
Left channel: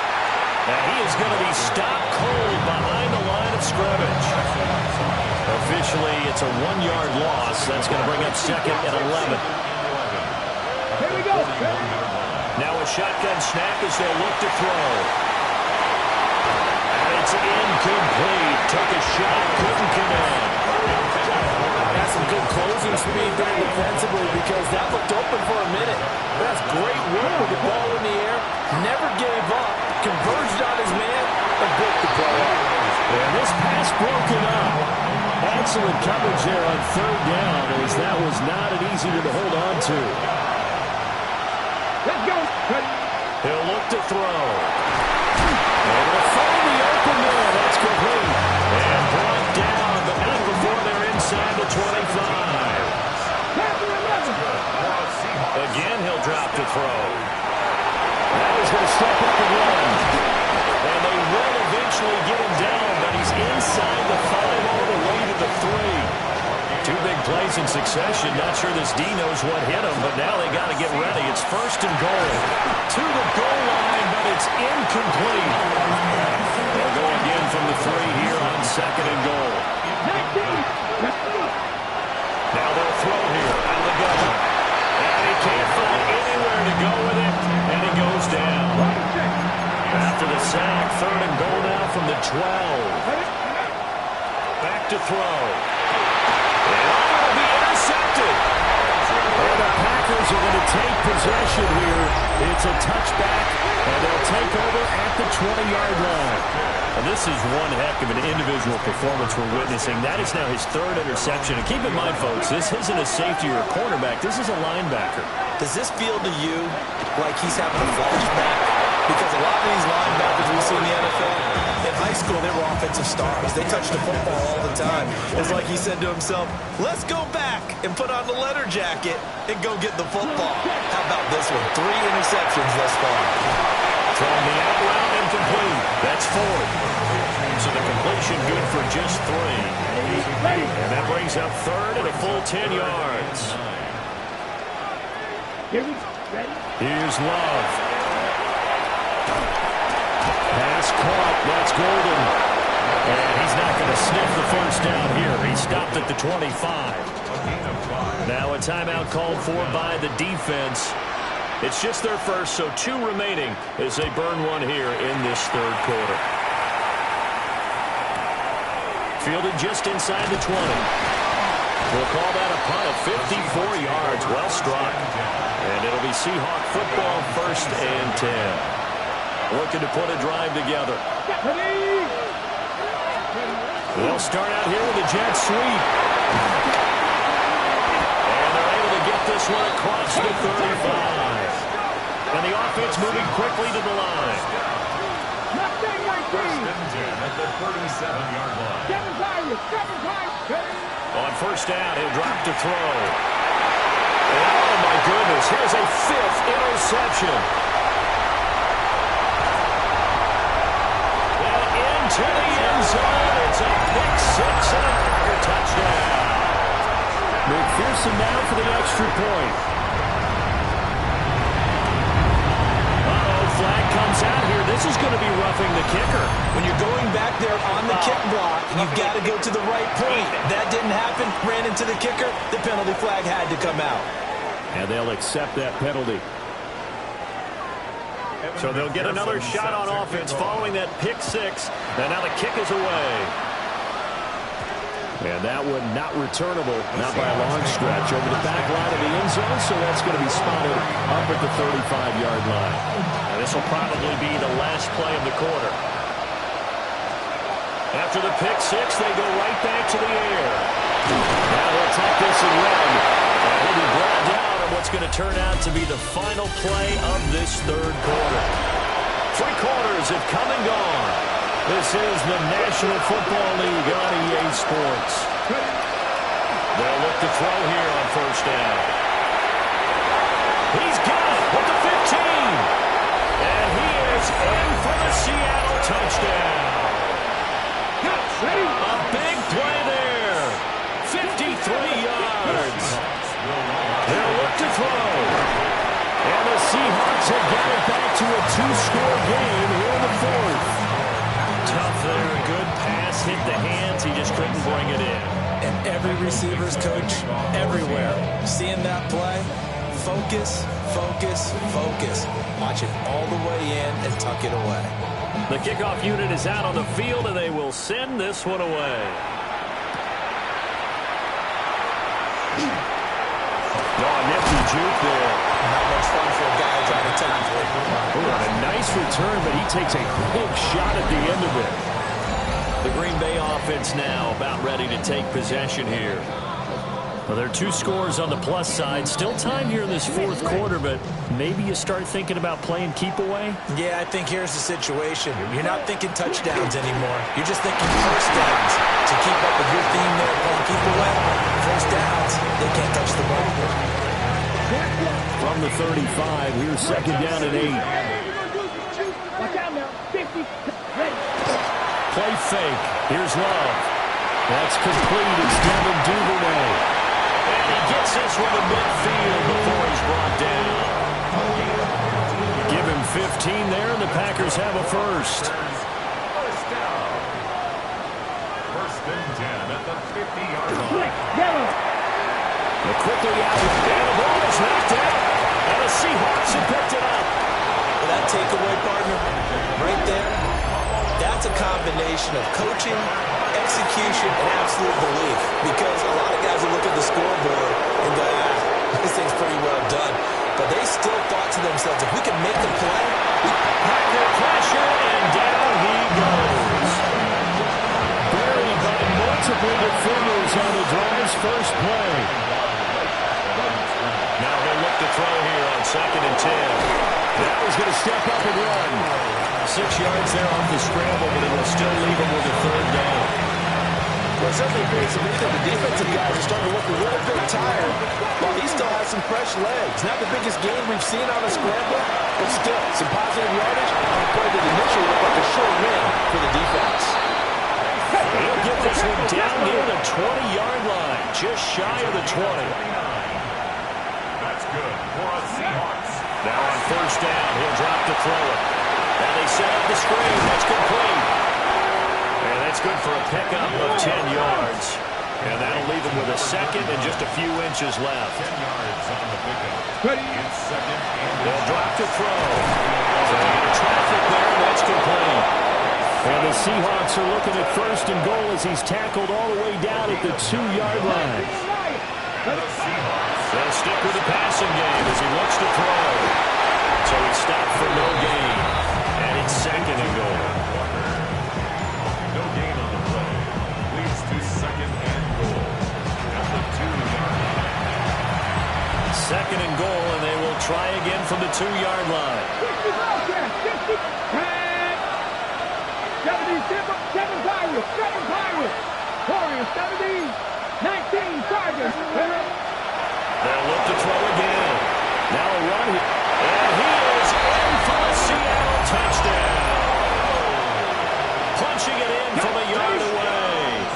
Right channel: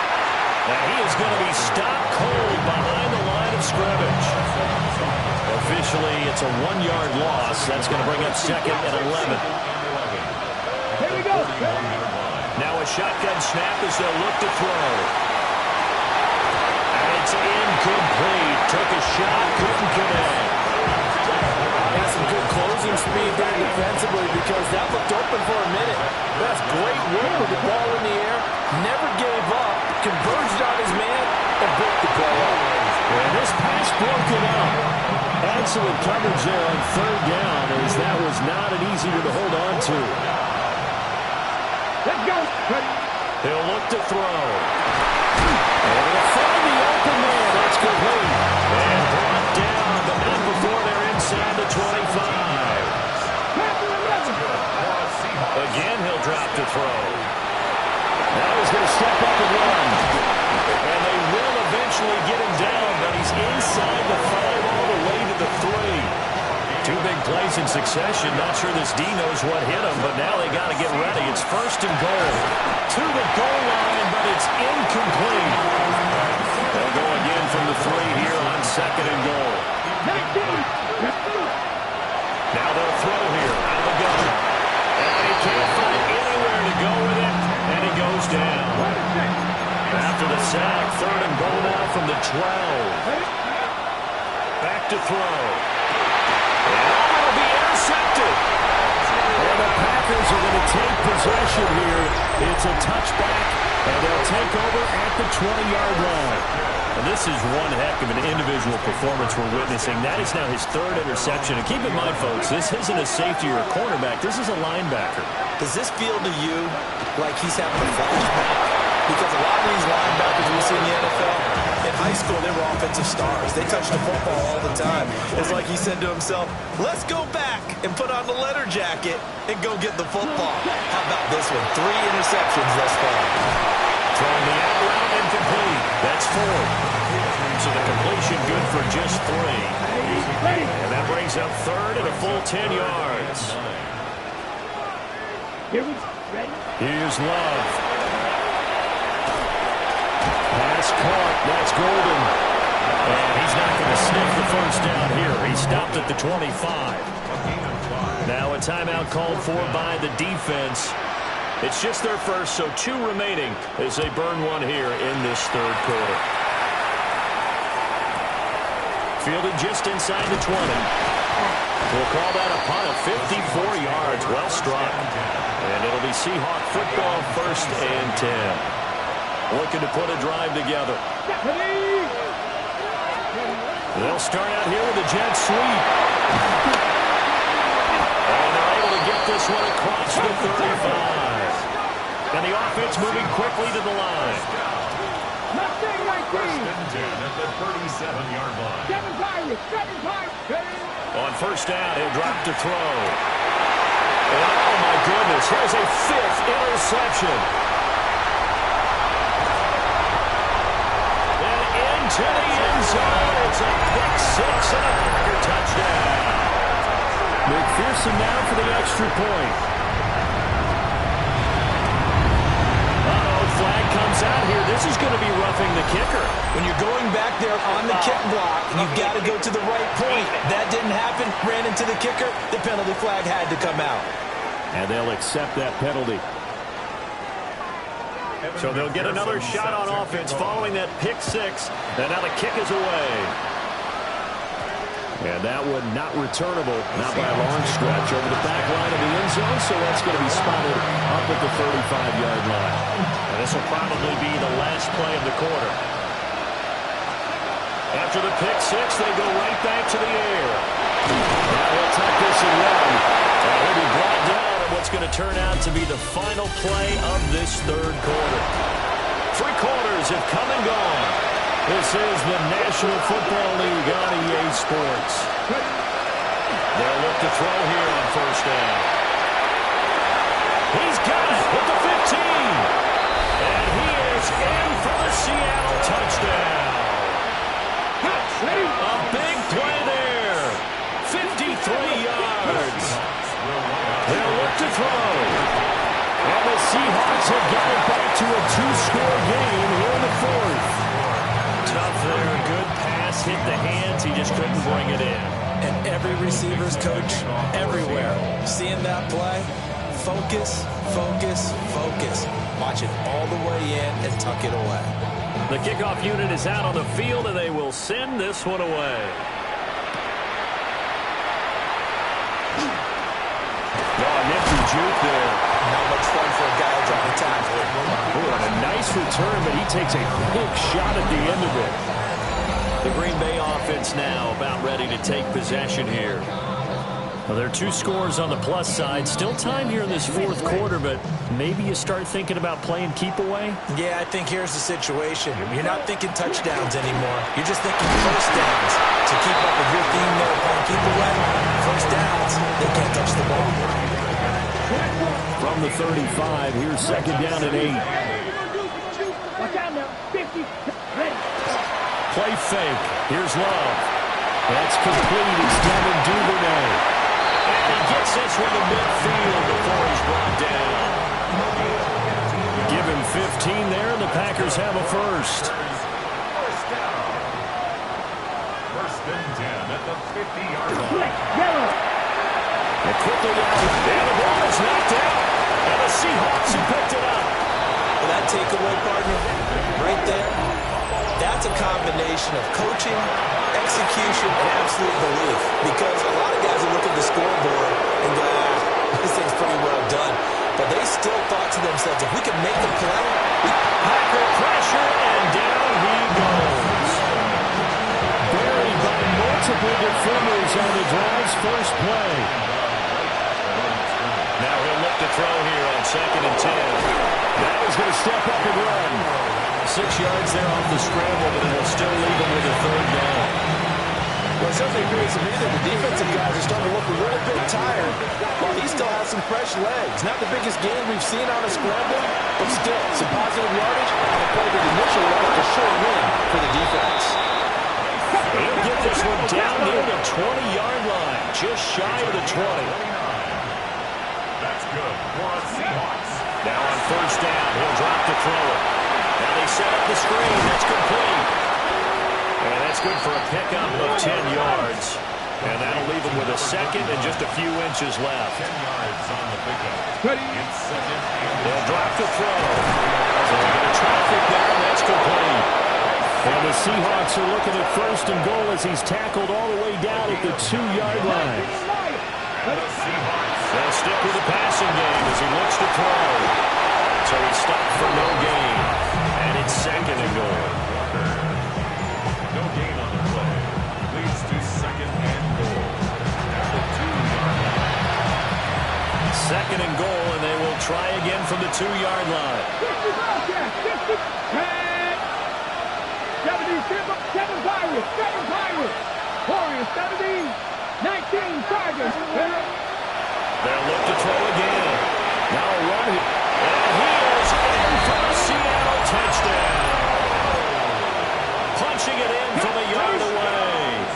And he is going to be stopped cold behind the line of scrimmage. Officially, it's a 1-yard loss. That's going to bring up second and 11. Here we go. Now a shotgun snap as they'll look to throw. And it's incomplete. Took a shot, couldn't connect. Got some good closing speed there defensively because that looked open for a minute. That's great work with the ball in the air. Never gave up. Converged on his man and broke the play up. And this pass broken up. Excellent coverage there on third down as that was not an easy one to hold on to. Let's go. He'll look to throw. And he'll find the open man. That's complete. And brought down, but not before they're inside the 25. Again, he'll drop to throw. Now he's going to step up and run. And they will eventually get him down, but he's inside the 5 all the way to the 3. 2 big plays in succession. Not sure this D knows what hit him, but now they got to get ready. It's first and goal. To the goal line, but it's incomplete. They'll go again from the 3 here on second and goal. Now they'll throw here out of the gun. And he can't find anywhere to go with it, and he goes down. After the sack, third and goal now from the 12. Back to throw. And it'll be intercepted. And the Packers are going to take possession here. It's a touchback, and they'll take over at the 20-yard line. And this is one heck of an individual performance we're witnessing. That is now his 3rd interception. And keep in mind, folks, this isn't a safety or a cornerback. This is a linebacker. Does this feel to you like he's having a flashback? Because a lot of these linebackers we see in the NFL, in high school, they were offensive stars. They touched the football all the time. It's like he said to himself, let's go back and put on the leather jacket and go get the football. How about this one? 3 interceptions thus far. Throwing the out route and complete. That's 4th. So the completion good for just 3. And that brings up 3rd and a full 10 yards. Here's Love. Pass caught. That's Golden. And he's not going to sniff the first down here. He stopped at the 25. Now a timeout called for by the defense. It's just their first, so 2 remaining as they burn one here in this third quarter. Fielded just inside the 20. We'll call that a punt of 54 yards. Well struck. And it'll be Seahawk football, 1st and 10. Looking to put a drive together. They'll start out here with a jet sweep. And they're able to get this one across the 35. And the offense moving quickly to the line. First and 10 at the 37-yard line. On first down, he'll drop to throw. And oh my goodness, here's a 5th interception. And into the end zone, it's a pick 6 and a Packer touchdown. McPherson now for the extra point. Flag comes out here. This is going to be roughing the kicker. When you're going back there on the kick block, you've got to go to the right point. That didn't happen. Ran into the kicker. The penalty flag had to come out. And they'll accept that penalty. So they'll get another shot on offense following that pick 6. And now the kick is away. And that one not returnable, not by a long stretch, over the back line of the end zone, so that's going to be spotted up at the 35-yard line. And this will probably be the last play of the quarter. After the pick 6, they go right back to the air. Now he'll tuck this and run. And he'll be brought down on what's going to turn out to be the final play of this third quarter. 3 quarters have come and gone. This is the National Football League on EA Sports. They'll look to throw here on first down. He's got it with the 15. And he is in for the Seattle touchdown. A big play there. throw. And the Seahawks have got it back to a two-score game here in the fourth. Tough there. A good pass hit the hands. He just couldn't bring it in. And every receiver's coach everywhere. Seeing that play, focus, focus, focus. Watch it all the way in and tuck it away. The kickoff unit is out on the field, and they will send this one away. Oh, a nifty juke there. Not much fun for a guy who's trying to tackle it. Oh, and a nice return, but he takes a big shot at the end of it. The Green Bay offense now about ready to take possession here. Well, there are two scores on the plus side. Still time here in this fourth quarter, but maybe you start thinking about playing keep away? Yeah, I think here's the situation. You're not thinking touchdowns anymore. You're just thinking first downs. To keep up with your theme there, playing keep away, first downs, they can't touch the ball. From the 35, here's second down and 8. Watch out now. 50. Ready. Play fake. Here's Love. That's complete. It's Devin Duvernay. And he gets this one to midfield before he's brought down. Give him 15 there, and the Packers have a first. First down. First and 10 at the 50-yard line. Yellow. And quickly out. And the ball is knocked out. And the Seahawks have picked it up. Well, that takeaway, partner, right there, that's a combination of coaching, execution, and absolute belief. Because a lot of guys will look at the scoreboard and go, this thing's pretty well done. But they still thought to themselves, if we can make a play. Packer pressure, and down he goes. Buried by multiple defenders on the drive's first play. Now he'll look to throw here on second and 10. Now he's going to step up and run. 6 yards there off the scramble, but it'll still leave him with a third down. Well, it certainly appears to me that the defensive guys are starting to look a little bit tired, while he still has some fresh legs. Not the biggest gain we've seen on a scramble, but still, some positive yardage on a play that initially looked like a short win for the defense. He'll get this one down near the 20-yard line, just shy of the 20. That's good for a Seahawks. Now on first down, he'll drop to throw it. Now they set up the screen. That's complete. And that's good for a pickup of 10 yards. And that'll leave him with a second and just a few inches left. 10 yards on the pickup. Ready. It's second and They'll drop to throw. So they get a traffic there, and that's complete. And the Seahawks are looking at first and goal as he's tackled all the way down at the 2-yard line. the Seahawks. They'll stick with the passing game as he looks to throw. So he stopped for no gain. And it's second and goal. No gain on the play. Leads to second and goal at the 2-yard line. Second and goal, and they will try again from the 2-yard line. 7 Pirates, 7 Pirates. Warriors, 17, 19 Chargers. They'll look to throw again. Now a run here. And he is in for a Seattle touchdown. Punching it in from a yard away.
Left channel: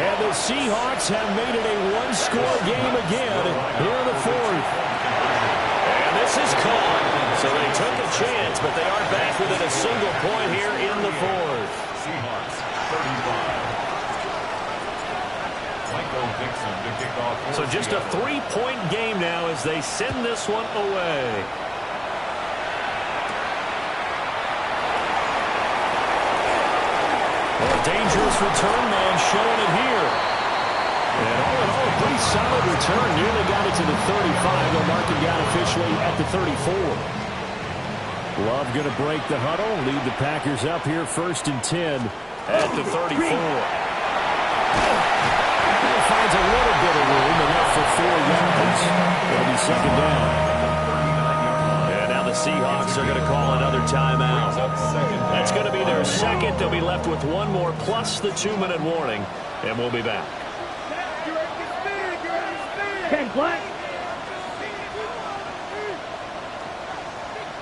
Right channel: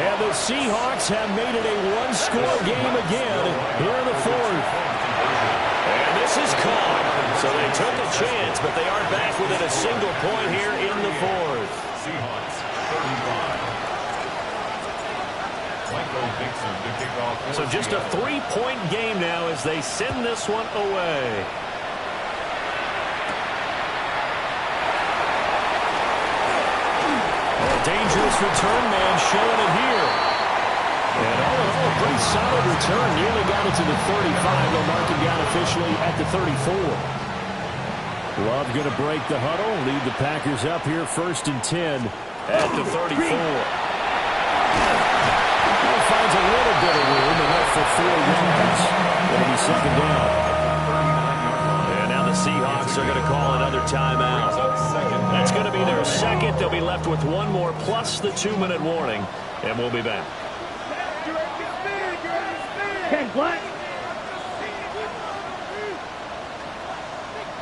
And the Seahawks have made it a one-score game again here in the fourth. And this is caught. So they took a chance, but they are back within a single point here in the fourth. Seahawks 35. Michael Dixon to kick off. So just a 3-point game now as they send this one away. Well, a dangerous return man showing it here. And all in all, a pretty solid return. Nearly got it to the 35. They'll mark him down officially at the 34. Love going to break the huddle, lead the Packers up here first and 10 at the 34. He finds a little bit of room, enough for 4 yards. It'll be second down. And now the Seahawks are going to call another timeout. That's going to be their second. They'll be left with one more plus the 2-minute warning, and we'll be back. 10 black.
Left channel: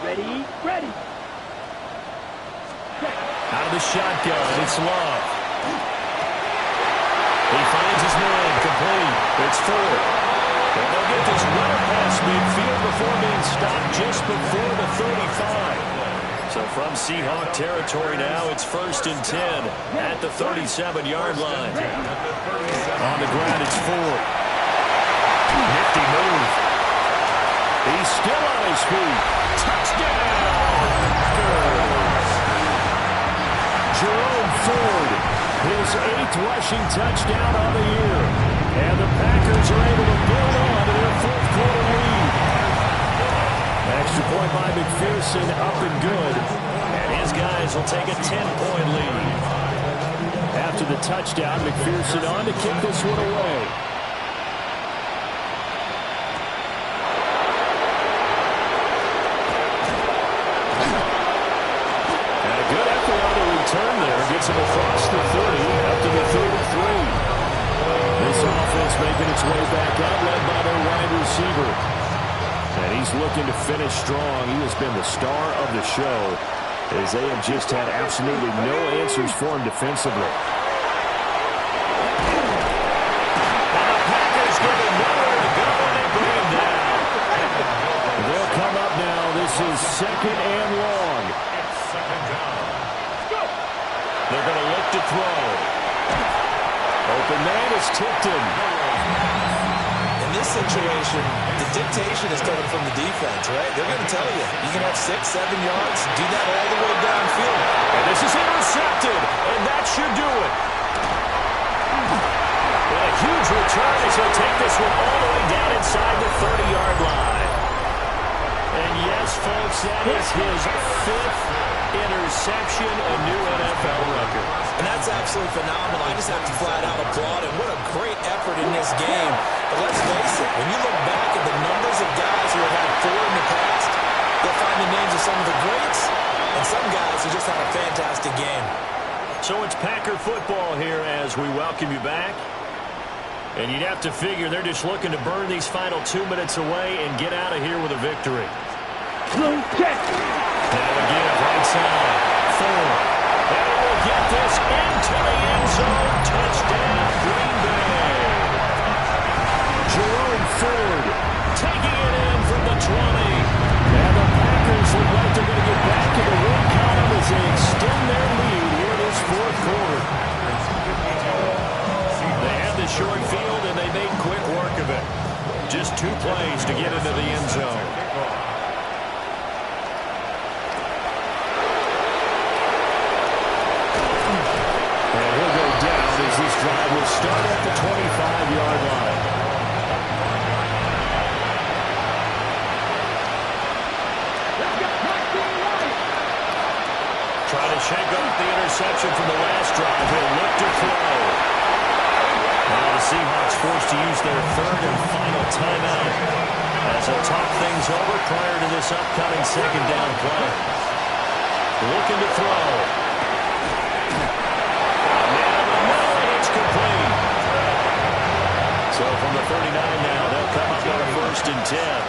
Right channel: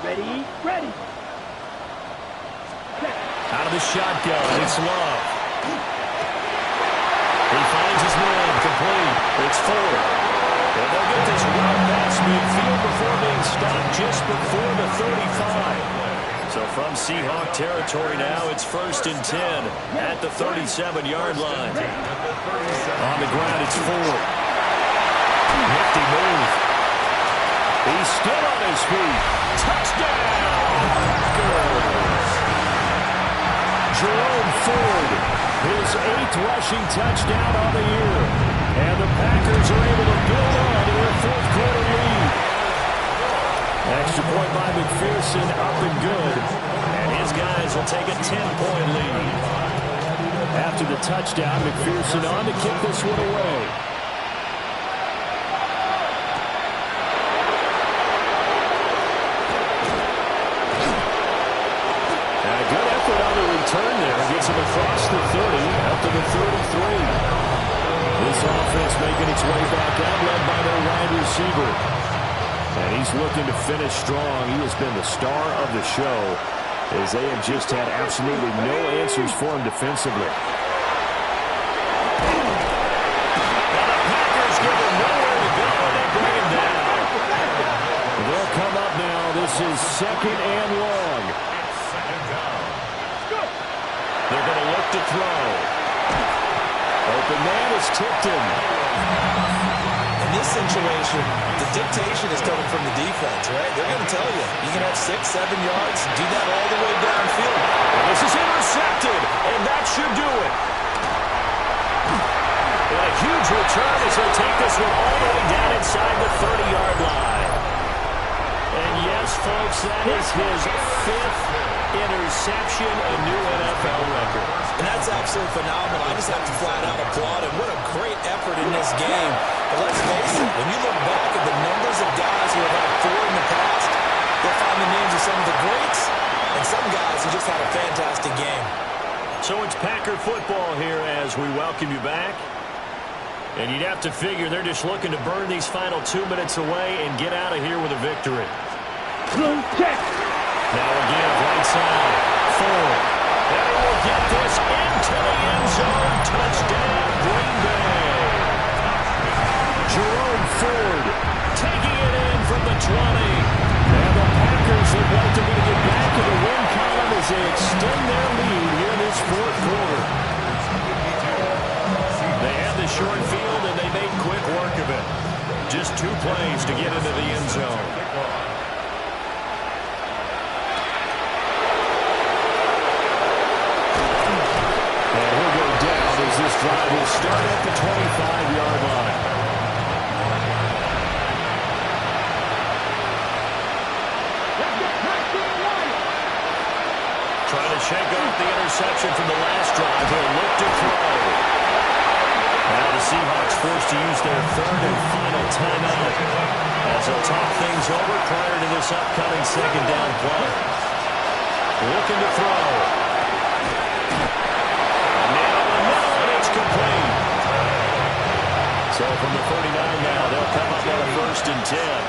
Ready, ready. Out of the shotgun, it's Love. He finds his man, complete. It's 4. And they'll get this well past midfield before being stopped just before the 35. So from Seahawk territory now, it's 1st and 10 at the 37-yard line. On the ground, it's Ford. Nifty move. He's still on his feet. Touchdown, Packers! Jerome Ford, his 8th rushing touchdown on the year. And the Packers are able to build on to their 4th quarter lead. Extra point by McPherson, up and good. And his guys will take a 10-point lead. After the touchdown, McPherson on to kick this one away. And a good effort on the return there. Gets him across the 30, up to the 33. This offense making its way back out, led by their wide receiver. And he's looking to finish strong. He has been the star of the show, as they have just had absolutely no answers for him defensively. Now the Packers give him nowhere to go, and they bring him down. They'll come up now. This is 2nd and long. It's 2nd down. They're going to look to throw. Open man is Tipton. In this situation, the dictation is coming from the defense, right? They're going to tell you, you can have 6, 7 yards, do that all the way downfield. And this is intercepted, and that should do it. And a huge return as he'll take this one all the way down inside the 30-yard line. And yes, folks, that is his 5th interception, a new NFL record. And that's absolutely phenomenal. I just have to flat out applaud him. What a great effort in this game. But let's face it, when you look back at the numbers of guys who have had 4 in the past, you'll find the names of some of the greats and some guys who just had a fantastic game. So it's Packer football here as we welcome you back. And you'd have to figure they're just looking to burn these final 2 minutes away and get out of here with a victory. Now again, right side, Ford. And he will get this into the end zone. Touchdown, Green Bay. Jerome Ford taking it in from the 20. And the Packers look like they're going to get back in the win column as they extend their lead here in this 4th quarter. They had the short field, and they made quick work of it. Just 2 plays to get into the end zone. And he'll go down as this drive will start at the 25-yard line. Trying to shake off the interception from the last drive. He'll look to throw. Now the Seahawks forced to use their 3rd and final timeout as they'll talk things over prior to this upcoming 2nd down play. Looking to throw. Man over the middle, and it's complete. So from the 39 now, they'll come up on a 1st and 10.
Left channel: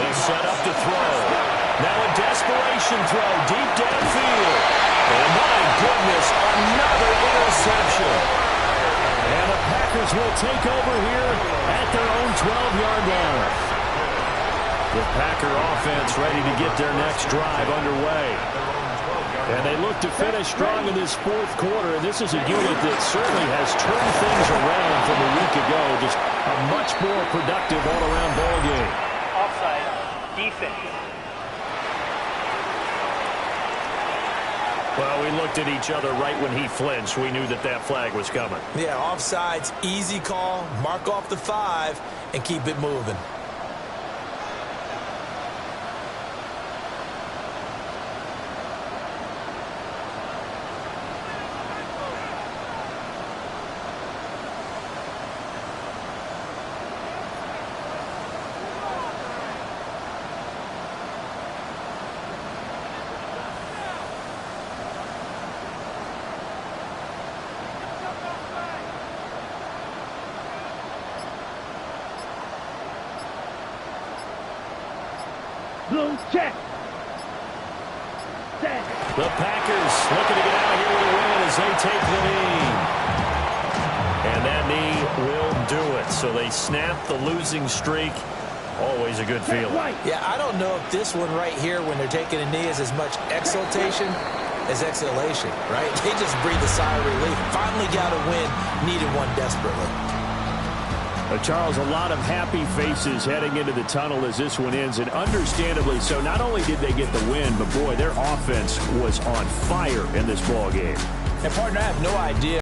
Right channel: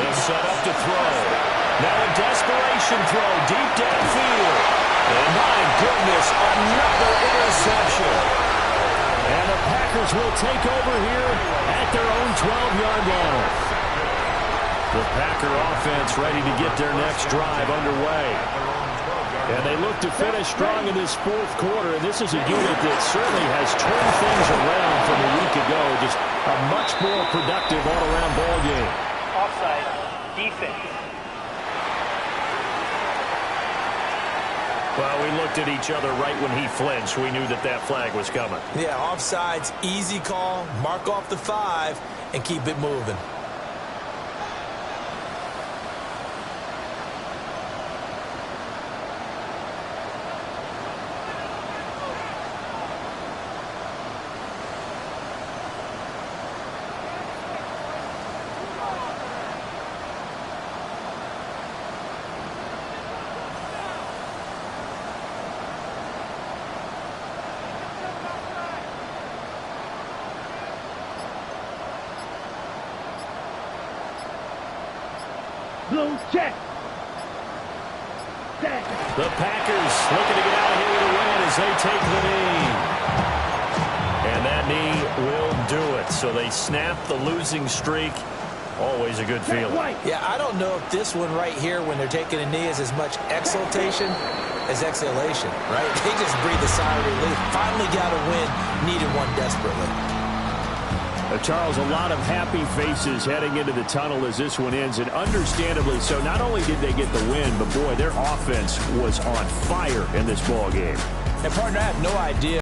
They'll set up to throw. Now a desperation throw deep downfield. And my goodness, another interception. And the Packers will take over here at their own 12-yard line. The Packer offense ready to get their next drive underway. And they look to finish strong in this 4th quarter. And this is a unit that certainly has turned things around from a week ago. Just a much more productive all-around ball game. Offside, defense. Well, we looked at each other right when he flinched. We knew that that flag was coming. Yeah, offsides, easy call, mark off the 5, and keep it moving. Blue check. The Packers looking to get out of here with a win as they take the knee. And that knee will do it. So they snap the losing streak. Always a good feeling. Yeah, I don't know if this one right here, when they're taking a knee, is as much exultation as exhalation, right? They just breathe a sigh of relief. Finally got a win, needed one desperately. Charles, a lot of happy faces heading into the tunnel as this one ends, and understandably so. Not only did they get the win, but boy, their offense was on fire in this ball game. And partner, I have no idea